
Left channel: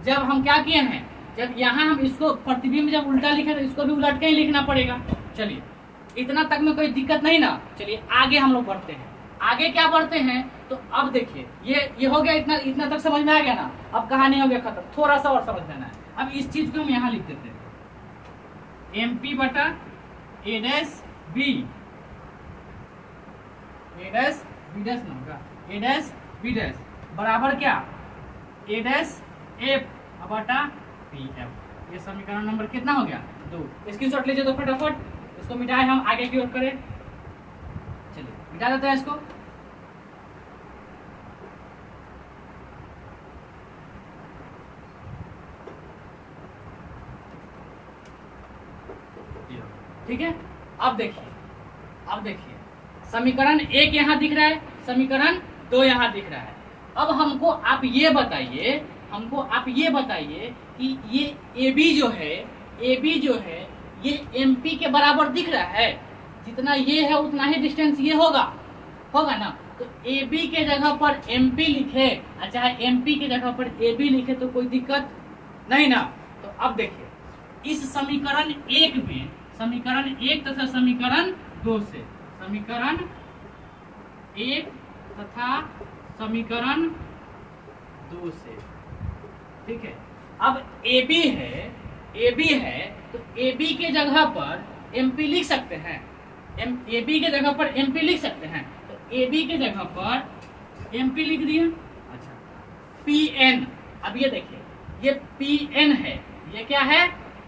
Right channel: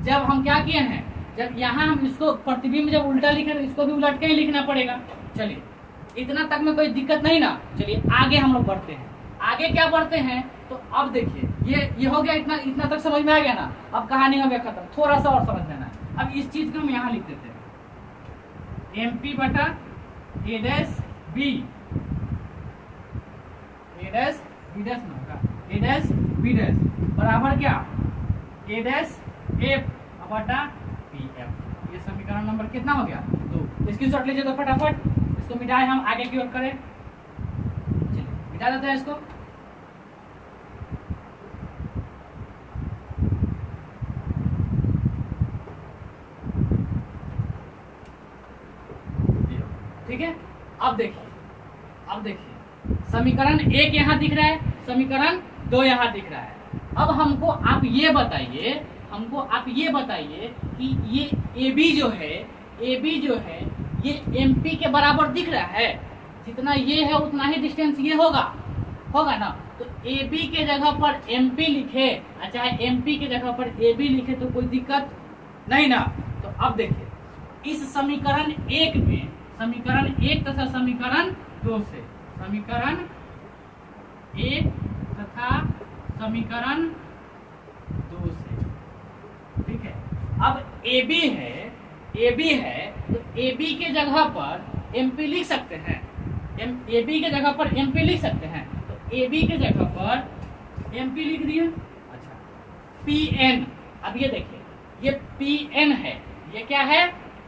जब हम क्या किए हैं, जब यहाँ हम इसको प्रतिबिंब जब उल्टा लिखे तो इसको भी उलट के ही लिखना पड़ेगा। चलिए इतना तक में कोई दिक्कत नहीं ना। चलिए आगे हम लोग बढ़ते हैं, आगे क्या बढ़ते हैं, तो अब देखिए ये हो गया, इतना तक समझ में आ गया ना। अब कहानी हो गया खत्म, थोड़ा सा और समझ लेना है। अब इस चीज को हम यहाँ लिख देते हैं, एम पी बटा A dash B, A dash B dash ना होगा, ए डैश बी डैश बराबर क्या, ए डैश एफ बटा पी एफ। ये समीकरण नंबर कितना हो गया, 2। स्क्रीनशॉट लीजिए तो फटाफट, इसको मिटाए हम आगे की ओर करें। चलिए मिटा देते हैं इसको। ठीक है, अब देखिए समीकरण 1 यहाँ दिख रहा है, समीकरण 2 यहाँ दिख रहा है। अब हमको आप ये बताइए कि ये AB जो है ये MP के बराबर दिख रहा है। जितना ये है उतना ही डिस्टेंस ये होगा ना। तो AB के जगह पर MP लिखे, चाहे MP के जगह पर AB लिखे तो कोई दिक्कत नहीं ना। तो अब देखिए इस समीकरण 1 में, समीकरण 1 तथा समीकरण 2 से, समीकरण 1 तथा समीकरण 2 से, ठीक है। अब AB है तो AB के जगह पर MP लिख सकते हैं, AB के जगह पर MP लिख सकते हैं। तो AB के जगह पर MP लिख दिए। अच्छा, PN, अब ये देखिए ये PN है, ये क्या है,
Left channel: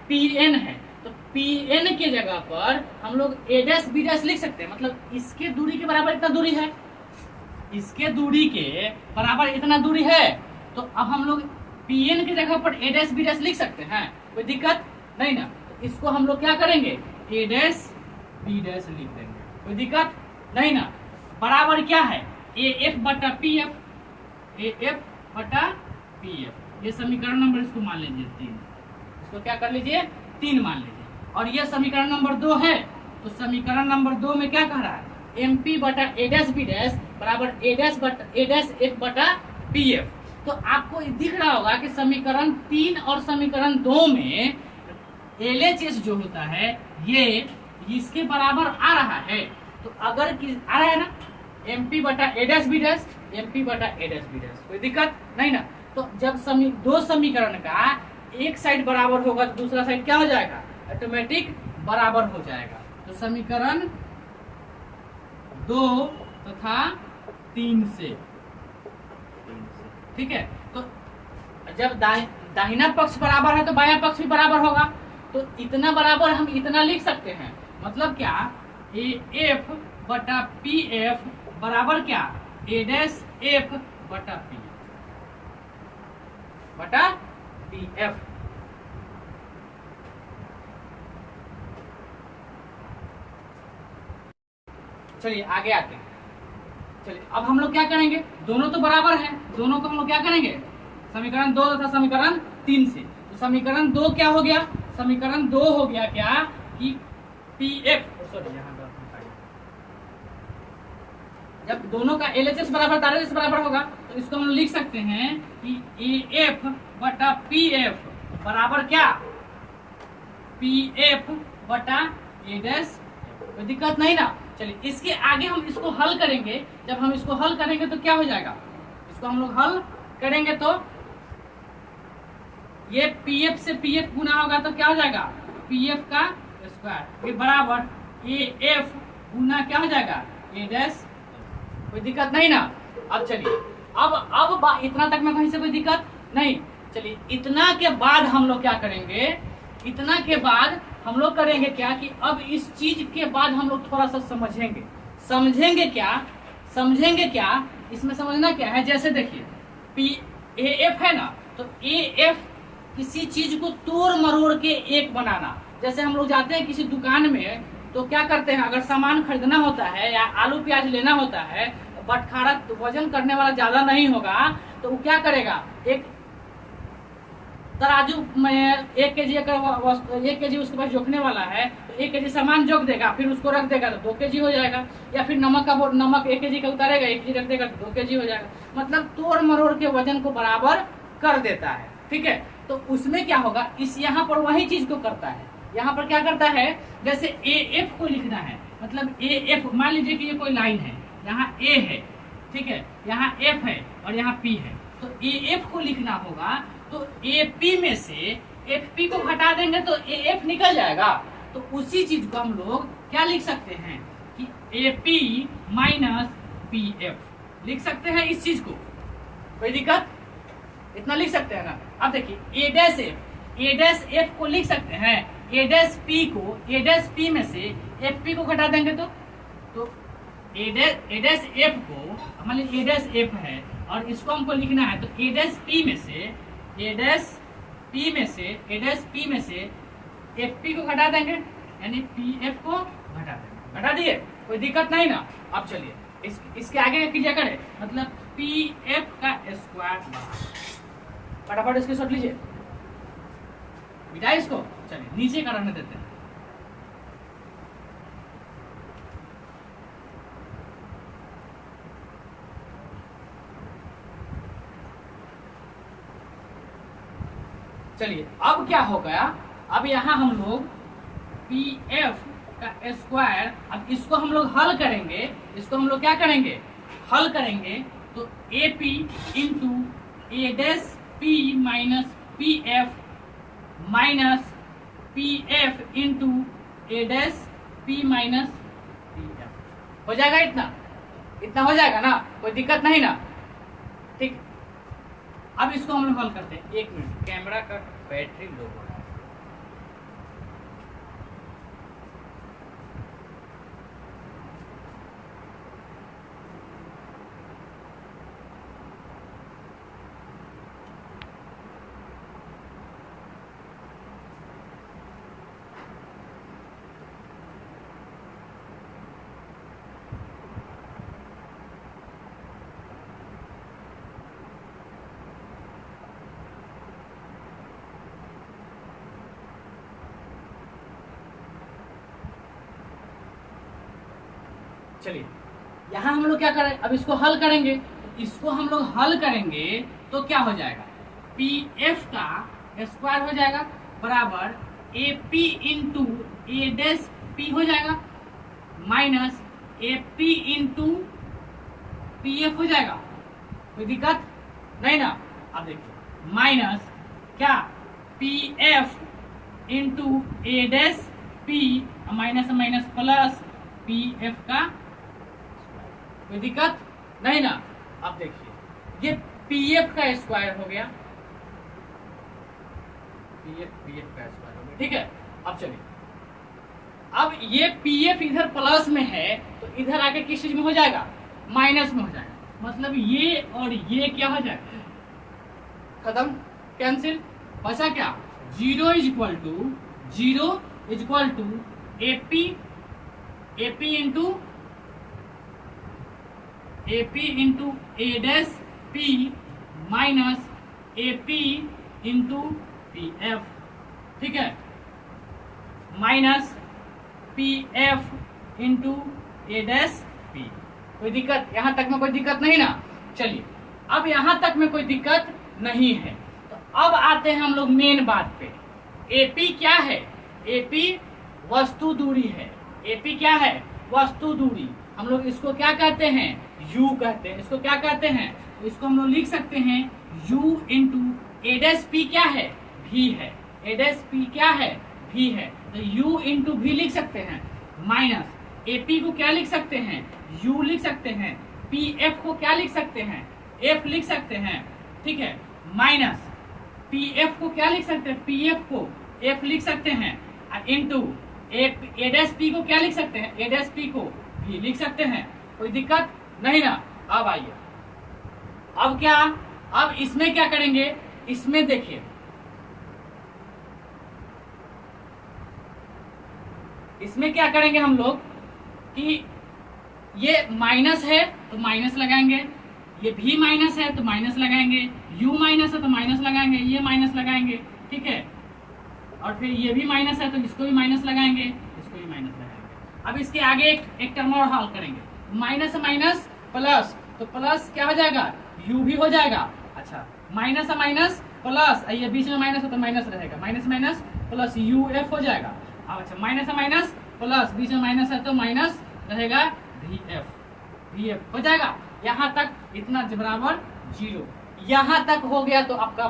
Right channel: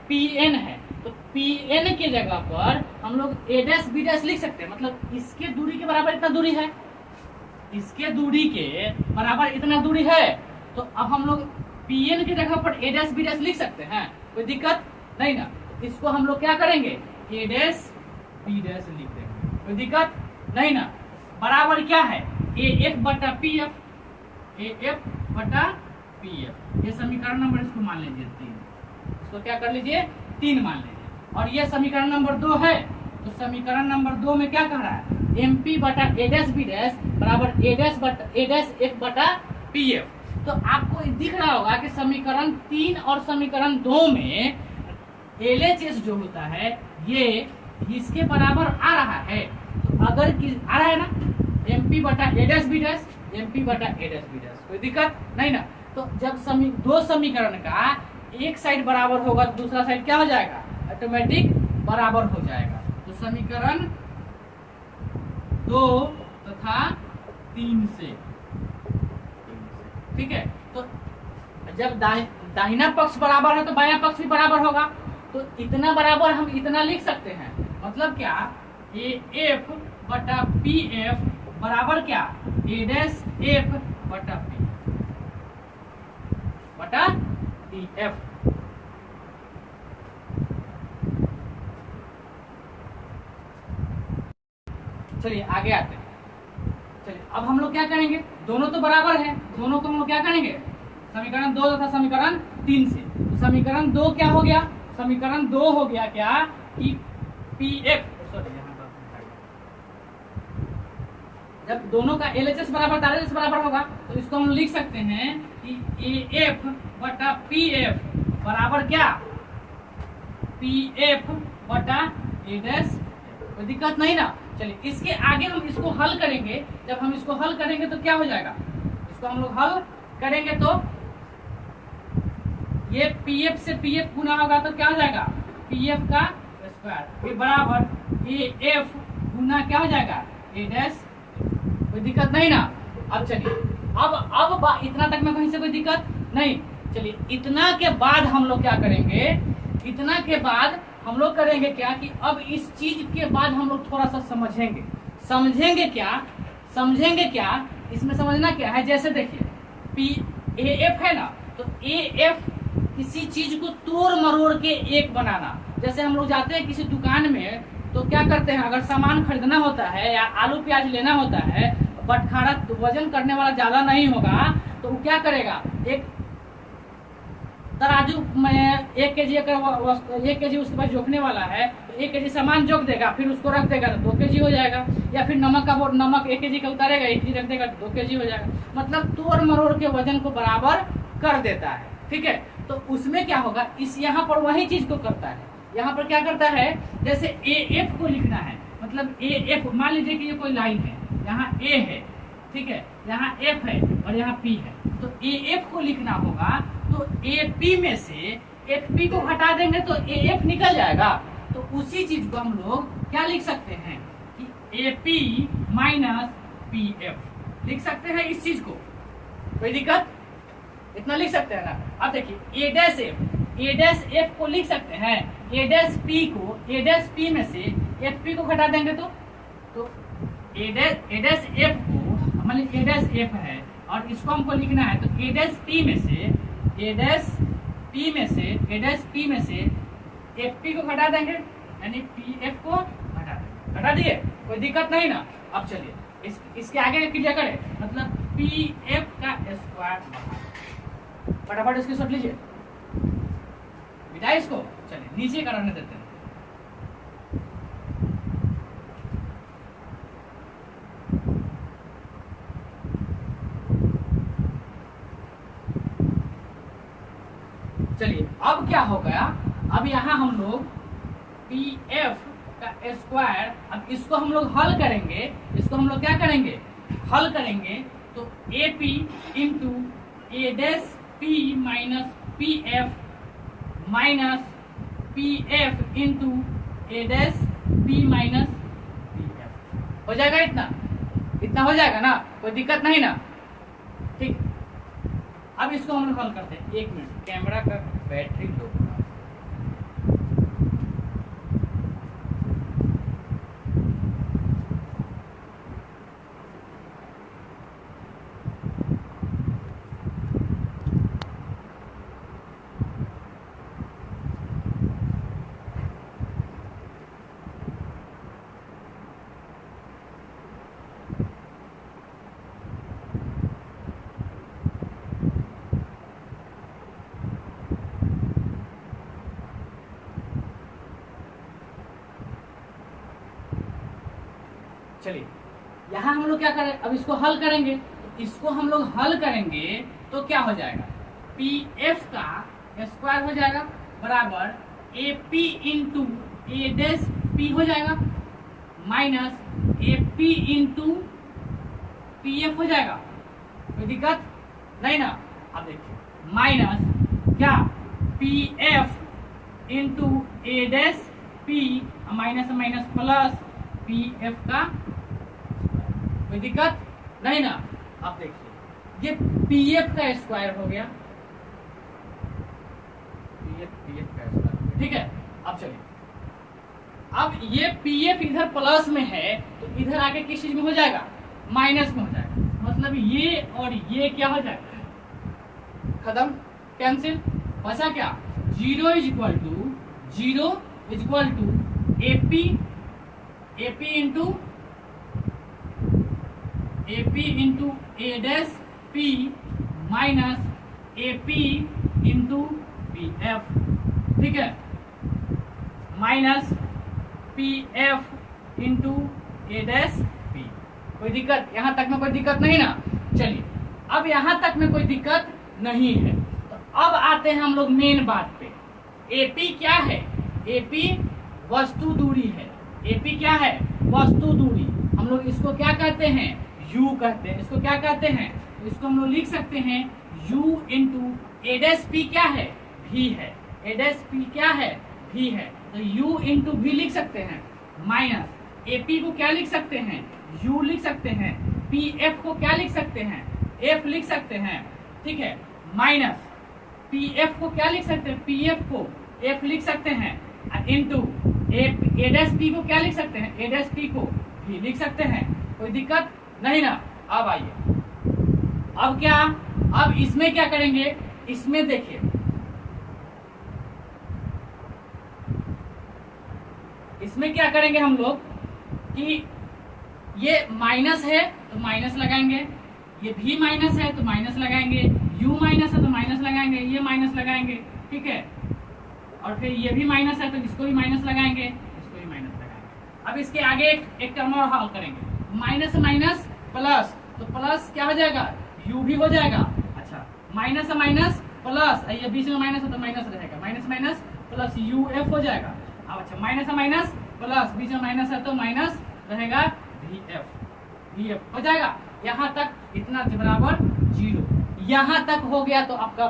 PN है। तो PN के जगह पर हम लोग A डैश B डैश लिख सकते हैं, मतलब इसके दूरी के बराबर इतना दूरी है, इसके दूरी के बराबर इतना दूरी है। तो अब हम लोग PN की जगह पर A डैश B डैश लिख सकते हैं, कोई दिक्कत नहीं ना। तो इसको हम लोग क्या करेंगे, A डैश B डैश लिख देंगे, कोई दिक्कत नहीं ना। बराबर क्या है, AF बटा PF, AF बटा PF। ये समीकरण नंबर, इसको मान लीजिए 3, इसको क्या कर लीजिए 3 मान लीजिए। और ये समीकरण नंबर 2 है, तो समीकरण नंबर 2 में क्या कह रहा है, MP बटा A डैश B डैश बराबर A डैश F बटा PF। तो आपको दिख रहा होगा कि समीकरण 3 और समीकरण 2 में LHS जो होता है ये इसके बराबर आ रहा है। तो अगर आ रहा है ना, MP बटा A dash B dash, MP बटा A डैश B डैश, कोई दिक्कत नहीं ना। तो जब 2 समीकरण का एक साइड बराबर होगा तो दूसरा साइड क्या हो जाएगा, ऑटोमेटिक बराबर हो जाएगा। तो समीकरण 2 तथा 3 से, ठीक है। तो जब दाहिना पक्ष बराबर है तो बायां पक्ष भी बराबर होगा, तो इतना बराबर हम इतना लिख सकते हैं, मतलब क्या, ए एफ बटा पी एफ बराबर क्या, ए डैश एफ बटा पी एफ। चलिए आगे आते हैं। चलिए अब हम लोग क्या करेंगे, दोनों तो बराबर हैं, दोनों को हम लोग क्या करेंगे, समीकरण 2 तथा समीकरण 3 से। तो समीकरण 2 क्या हो गया, समीकरण 2 हो गया क्या कि पी एफ, सॉरी जब दोनों का एलएचएस बराबर आरएचएस बराबर होगा तो इसको हम लिख सकते हैं कि ए एफ बटा पी एफ बराबर क्या, पी एफ बटा ए डैश। कोई दिक्कत नहीं ना। चलिए इसके आगे हम इसको हल करेंगे, जब हम इसको हल करेंगे तो क्या हो जाएगा, इसको हम लोग हल करेंगे तो ये पीएफ से पीएफ गुना होगा तो क्या हो जाएगा, पीएफ का स्क्वायर, ये बराबर ए एफ गुना क्या हो जाएगा, ए डैश। कोई दिक्कत नहीं ना। अब चलिए अब इतना तक में कहीं से कोई दिक्कत नहीं। चलिए इतना के बाद हम लोग क्या करेंगे, इतना के बाद हम लोग करेंगे क्या कि अब इस चीज के बाद हम लोग थोड़ा सा समझेंगे क्या, इसमें समझना क्या है। जैसे देखिए पी ए एफ है ना, तो ए एफ किसी चीज को तोड़ मरोड़ के एक बनाना। जैसे हम लोग जाते हैं किसी दुकान में तो क्या करते हैं, अगर सामान खरीदना होता है या आलू प्याज लेना होता है, बटखारा वजन करने वाला ज्यादा नहीं होगा तो वो क्या करेगा, एक तराजू में 1 केजी अगर 1 केजी उसके पास जोखने वाला है तो 1 केजी सामान जोख देगा, फिर उसको रख देगा तो 2 केजी हो जाएगा। या फिर नमक 1 केजी का उतारेगा, 1 केजी रख देगा तो 2 केजी हो जाएगा। मतलब तोड़ मरोड़ के वजन को बराबर कर देता है, ठीक है। तो उसमें क्या होगा, इस यहाँ पर वही चीज को करता है। यहाँ पर क्या करता है, जैसे ए एफ को लिखना है, मतलब ए एफ, मान लीजिए कि ये कोई लाइन है, यहाँ ए है, ठीक है, यहाँ एफ है और यहाँ पी है, तो ए एफ को लिखना होगा तो ए पी में से एफ पी को हटा देंगे तो ए एफ निकल जाएगा। तो उसी चीज को हम लोग क्या लिख सकते हैं कि A P minus P F लिख सकते हैं इस चीज को। कोई दिक्कत, इतना लिख सकते हैं ना। अब देखिए ए डैश एफ को लिख सकते हैं, ए डैश पी में से एफ पी को घटा देंगे तो ए डैश एफ को, मान लीजिए ए डैश एफ है और इसको हमको लिखना है, तो ए डैश पी में से एफ पी को घटा देंगे, यानी पी एफ को घटा देंगे। घटा दिए, कोई दिक्कत नहीं ना। अब चलिए इसके आगे कीजिए करें, मतलब पी एफ का स्क्वायर, फटाफट इसके शॉट लीजिए, बिठाए इसको। चलिए नीचे कराने देते हैं। चलिए अब क्या हो गया, अब यहाँ हम लोग पी एफ का स्क्वायर, अब इसको हम लोग हल करेंगे, इसको हम लोग क्या करेंगे, हल करेंगे। तो A P into A dash P minus P F into A dash P minus P F हो जाएगा। इतना हो जाएगा ना, कोई दिक्कत नहीं ना, ठीक। अब इसको हम लोग हल करते हैं। 1 मिनट, कैमरा का बैटरी लो हो रहा है। चलिए यहाँ हम लोग क्या करें, अब इसको हल करेंगे। तो इसको हम लोग हल करेंगे तो क्या हो जाएगा, पी एफ का स्क्वायर हो जाएगा बराबर A P into A dash P हो जाएगा minus A P into P F हो जाएगा। कोई दिक्कत नहीं ना। अब देखिए माइनस क्या, P F into A dash P minus minus plus P F का, कोई दिक्कत नहीं ना। अब देखिए ये पी एफ का स्क्वायर हो गया, पी एफ का स्क्वायर हो गया, ठीक है। अब चलिए, अब ये पी एफ इधर प्लस में है तो इधर आके किस चीज में हो जाएगा, माइनस में हो जाएगा। मतलब ये और ये क्या हो जाएगा, खत्म, कैंसिल, बचा क्या, zero is equal to AP into A dash P minus AP into P F, ठीक है, minus P F into A dash P. कोई दिक्कत, यहां तक में कोई दिक्कत नहीं ना। चलिए, अब यहां तक में कोई दिक्कत नहीं है तो अब आते हैं हम लोग मेन बात पे। एपी क्या है, एपी वस्तु दूरी है, एपी क्या है, वस्तु दूरी। हम लोग इसको क्या कहते हैं, यू कहते हैं। इसको क्या कहते हैं, इसको हम लोग लिख सकते हैं you into A dash P क्या है, भी है, ए डैश पी क्या है, भी है, तो u इंटू भी लिख सकते हैं, माइनस एपी को क्या लिख सकते हैं, u लिख सकते हैं, पी एफ को क्या लिख सकते हैं, f लिख सकते हैं, ठीक है, माइनस पी एफ को क्या लिख सकते हैं, पी एफ को f लिख सकते हैं, इंटू ए डैश पी को क्या लिख सकते हैं, ए डैश पी को भी लिख सकते हैं। कोई दिक्कत नहीं ना। अब आइए, अब क्या, अब इसमें क्या करेंगे, इसमें देखिए, इसमें क्या करेंगे हम लोग कि ये माइनस है तो माइनस लगाएंगे, ये भी माइनस है तो माइनस लगाएंगे, u माइनस है तो माइनस लगाएंगे, ये माइनस लगाएंगे, ठीक है, और फिर ये भी माइनस है तो इसको भी माइनस लगाएंगे, इसको भी माइनस लगाएंगे। अब इसके आगे एक टर्म और हल करेंगे, माइनस माइनस प्लस, तो प्लस क्या हो जाएगा, u भी हो जाएगा। अच्छा, माइनस माइनस प्लस, ये बीच में माइनस है तो माइनस रहेगा, minus minus plus U F हो जाएगा। अब अच्छा, माइनस माइनस प्लस, बीच में माइनस है तो माइनस रहेगा, वी एफ हो जाएगा। यहाँ तक इतना बराबर जीरो, यहाँ तक हो गया तो आपका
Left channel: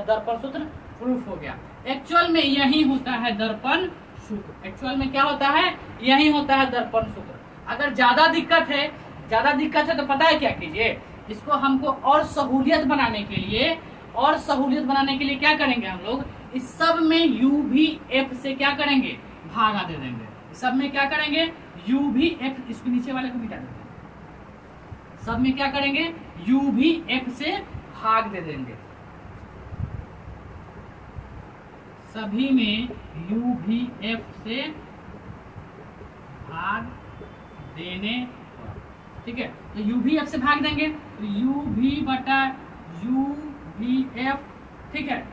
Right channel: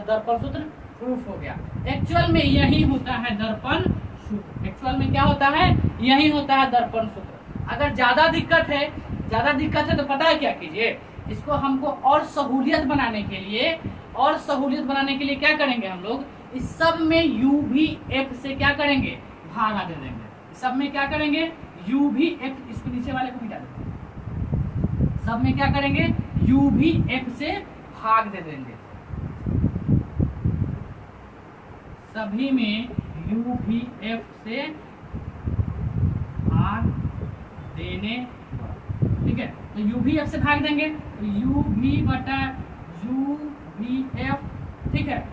दर्पण सूत्र प्रूफ हो गया। एक्चुअल में यही होता है दर्पण सूत्र, एक्चुअल में क्या होता है, यही होता है दर्पण सूत्र। अगर ज्यादा दिक्कत है तो पता है क्या कीजिए, इसको हमको और सहूलियत बनाने के लिए क्या करेंगे, हम लोग इस सब में यू भी एफ से क्या करेंगे, भागा दे देंगे। सब में क्या करेंगे, यू भी एफ, इसके नीचे वाले को मिटा देंगे, सब में क्या करेंगे, यू भी एफ से भाग दे देंगे, सभी में यू भी एफ से भाग देने, ठीक है, तो यू भी एफ से भाग देंगे, तो यू भी बटा यू भी एफ, ठीक है,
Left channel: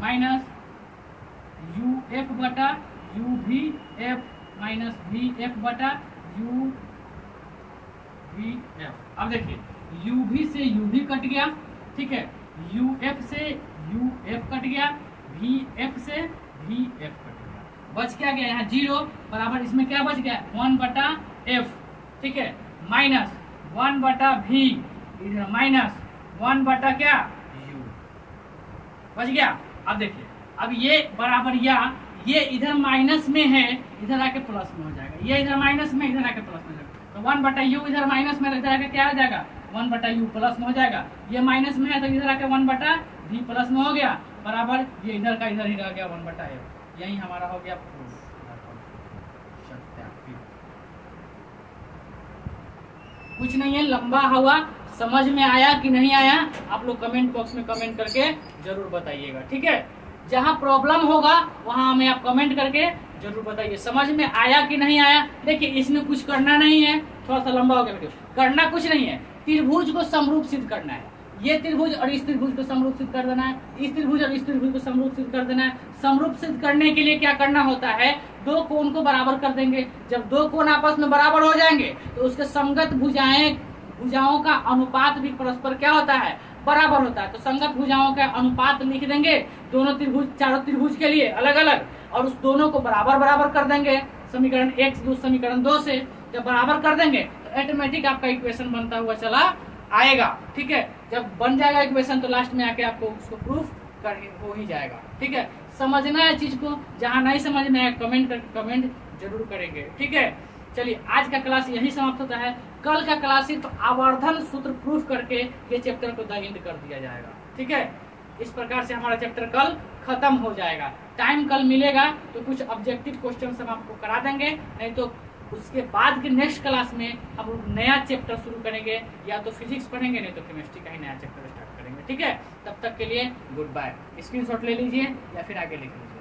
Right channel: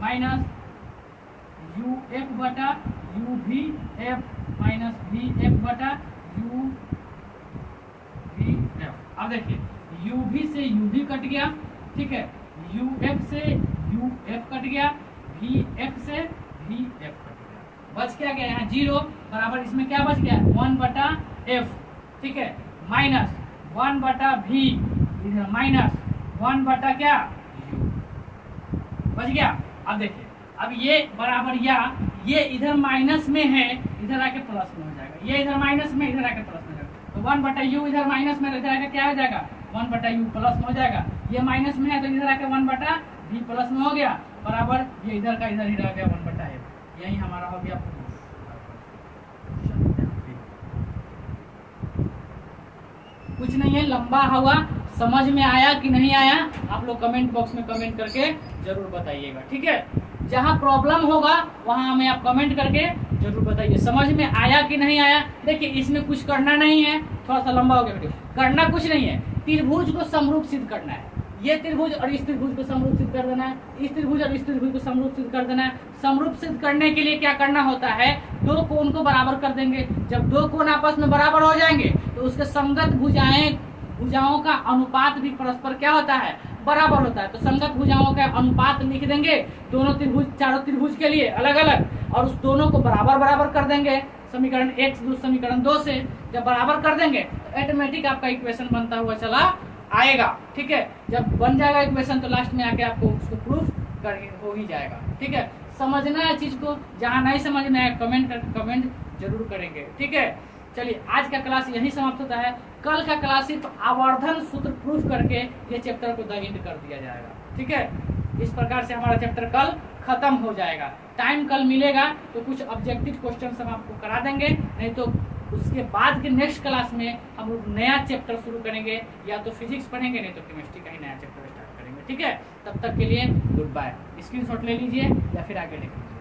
माइनस यू एफ बटा यू भी एफ माइनस वी एफ बटा यू वी एफ। अब देखिए, यू भी से यू भी कट गया, ठीक है, यू एफ से यू एफ कट गया, वी एफ से वी एफ कट गया, बच क्या गया, यहाँ जीरो बराबर, इसमें क्या बच गया, 1 बटा एफ, ठीक है, माइनस 1 बटा वी, इधर माइनस 1 बटा क्या, यू, बच गया। अब देखिए, अब ये बराबर, या ये इधर माइनस में है, इधर आके प्लस में हो जाएगा, ये इधर माइनस में, इधर आके प्लस में हो जाएगा, तो 1 बटा यू इधर माइनस में, इधर आके क्या हो जाएगा, 1 बटा यू प्लस में हो जाएगा। ये माइनस में है तो इधर आके 1 बटा वी प्लस में हो गया, बराबर ये इधर का इधर ही रह गया 1 बटा एफ। यही हमारा हो गया प्रूफ। कुछ नहीं है, लंबा हुआ, समझ में आया कि नहीं आया, आप लोग कमेंट बॉक्स में कमेंट करके जरूर बताइएगा, ठीक है। जहां प्रॉब्लम होगा वहां हमें आप कमेंट करके जरूर बताइए, समझ में आया कि नहीं आया। देखिए, इसमें कुछ करना नहीं है, थोड़ा सा लंबा हो गया वीडियो, करना कुछ नहीं है, त्रिभुज को समरूप सिद्ध करना है। ये त्रिभुज और इस त्रिभुज को समरूप सिद्ध कर देना है, इस त्रिभुज और इस त्रिभुज को समरूप सिद्ध कर देना है। समरूप सिद्ध करने के लिए क्या करना होता है, दो कोण को बराबर कर देंगे। जब दो कोण आपस में बराबर हो जाएंगे तो उसके संगत भुजाओं का अनुपात भी परस्पर क्या होता है, बराबर होता है। तो संगत भुजाओं का अनुपात लिख देंगे दोनों त्रिभुज, चारों त्रिभुज के लिए अलग अलग, और उस दोनों को बराबर बराबर कर देंगे समीकरण 1 से समीकरण 2 से। जब बराबर कर देंगे तो ऑटोमेटिक आपका इक्वेशन बनता हुआ चला आएगा, ठीक है। जब बन जाएगा इक्वेशन तो लास्ट में आके आपको उसको प्रूफ हो ही जाएगा। ठीक है, समझना है चीज को, जहाँ नहीं समझ में आए कमेंट जरूर करेंगे। ठीक है, चलिए आज का क्लास यही समाप्त होता है। कल का क्लास सिर्फ आवर्धन सूत्र प्रूफ करके ये चैप्टर को द एंड कर दिया जाएगा। ठीक है, इस प्रकार से हमारा चैप्टर कल खत्म हो जाएगा। टाइम कल मिलेगा तो कुछ ऑब्जेक्टिव क्वेश्चन हम आपको करा देंगे, नहीं तो उसके बाद के नेक्स्ट क्लास में हम लोग नया चैप्टर शुरू करेंगे, या तो फिजिक्स पढ़ेंगे नहीं तो केमिस्ट्री का ही नया चैप्टर स्टार्ट करेंगे। ठीक है, तब तक के लिए गुड बाय। स्क्रीनशॉट ले लीजिए या फिर आगे लिख लीजिए।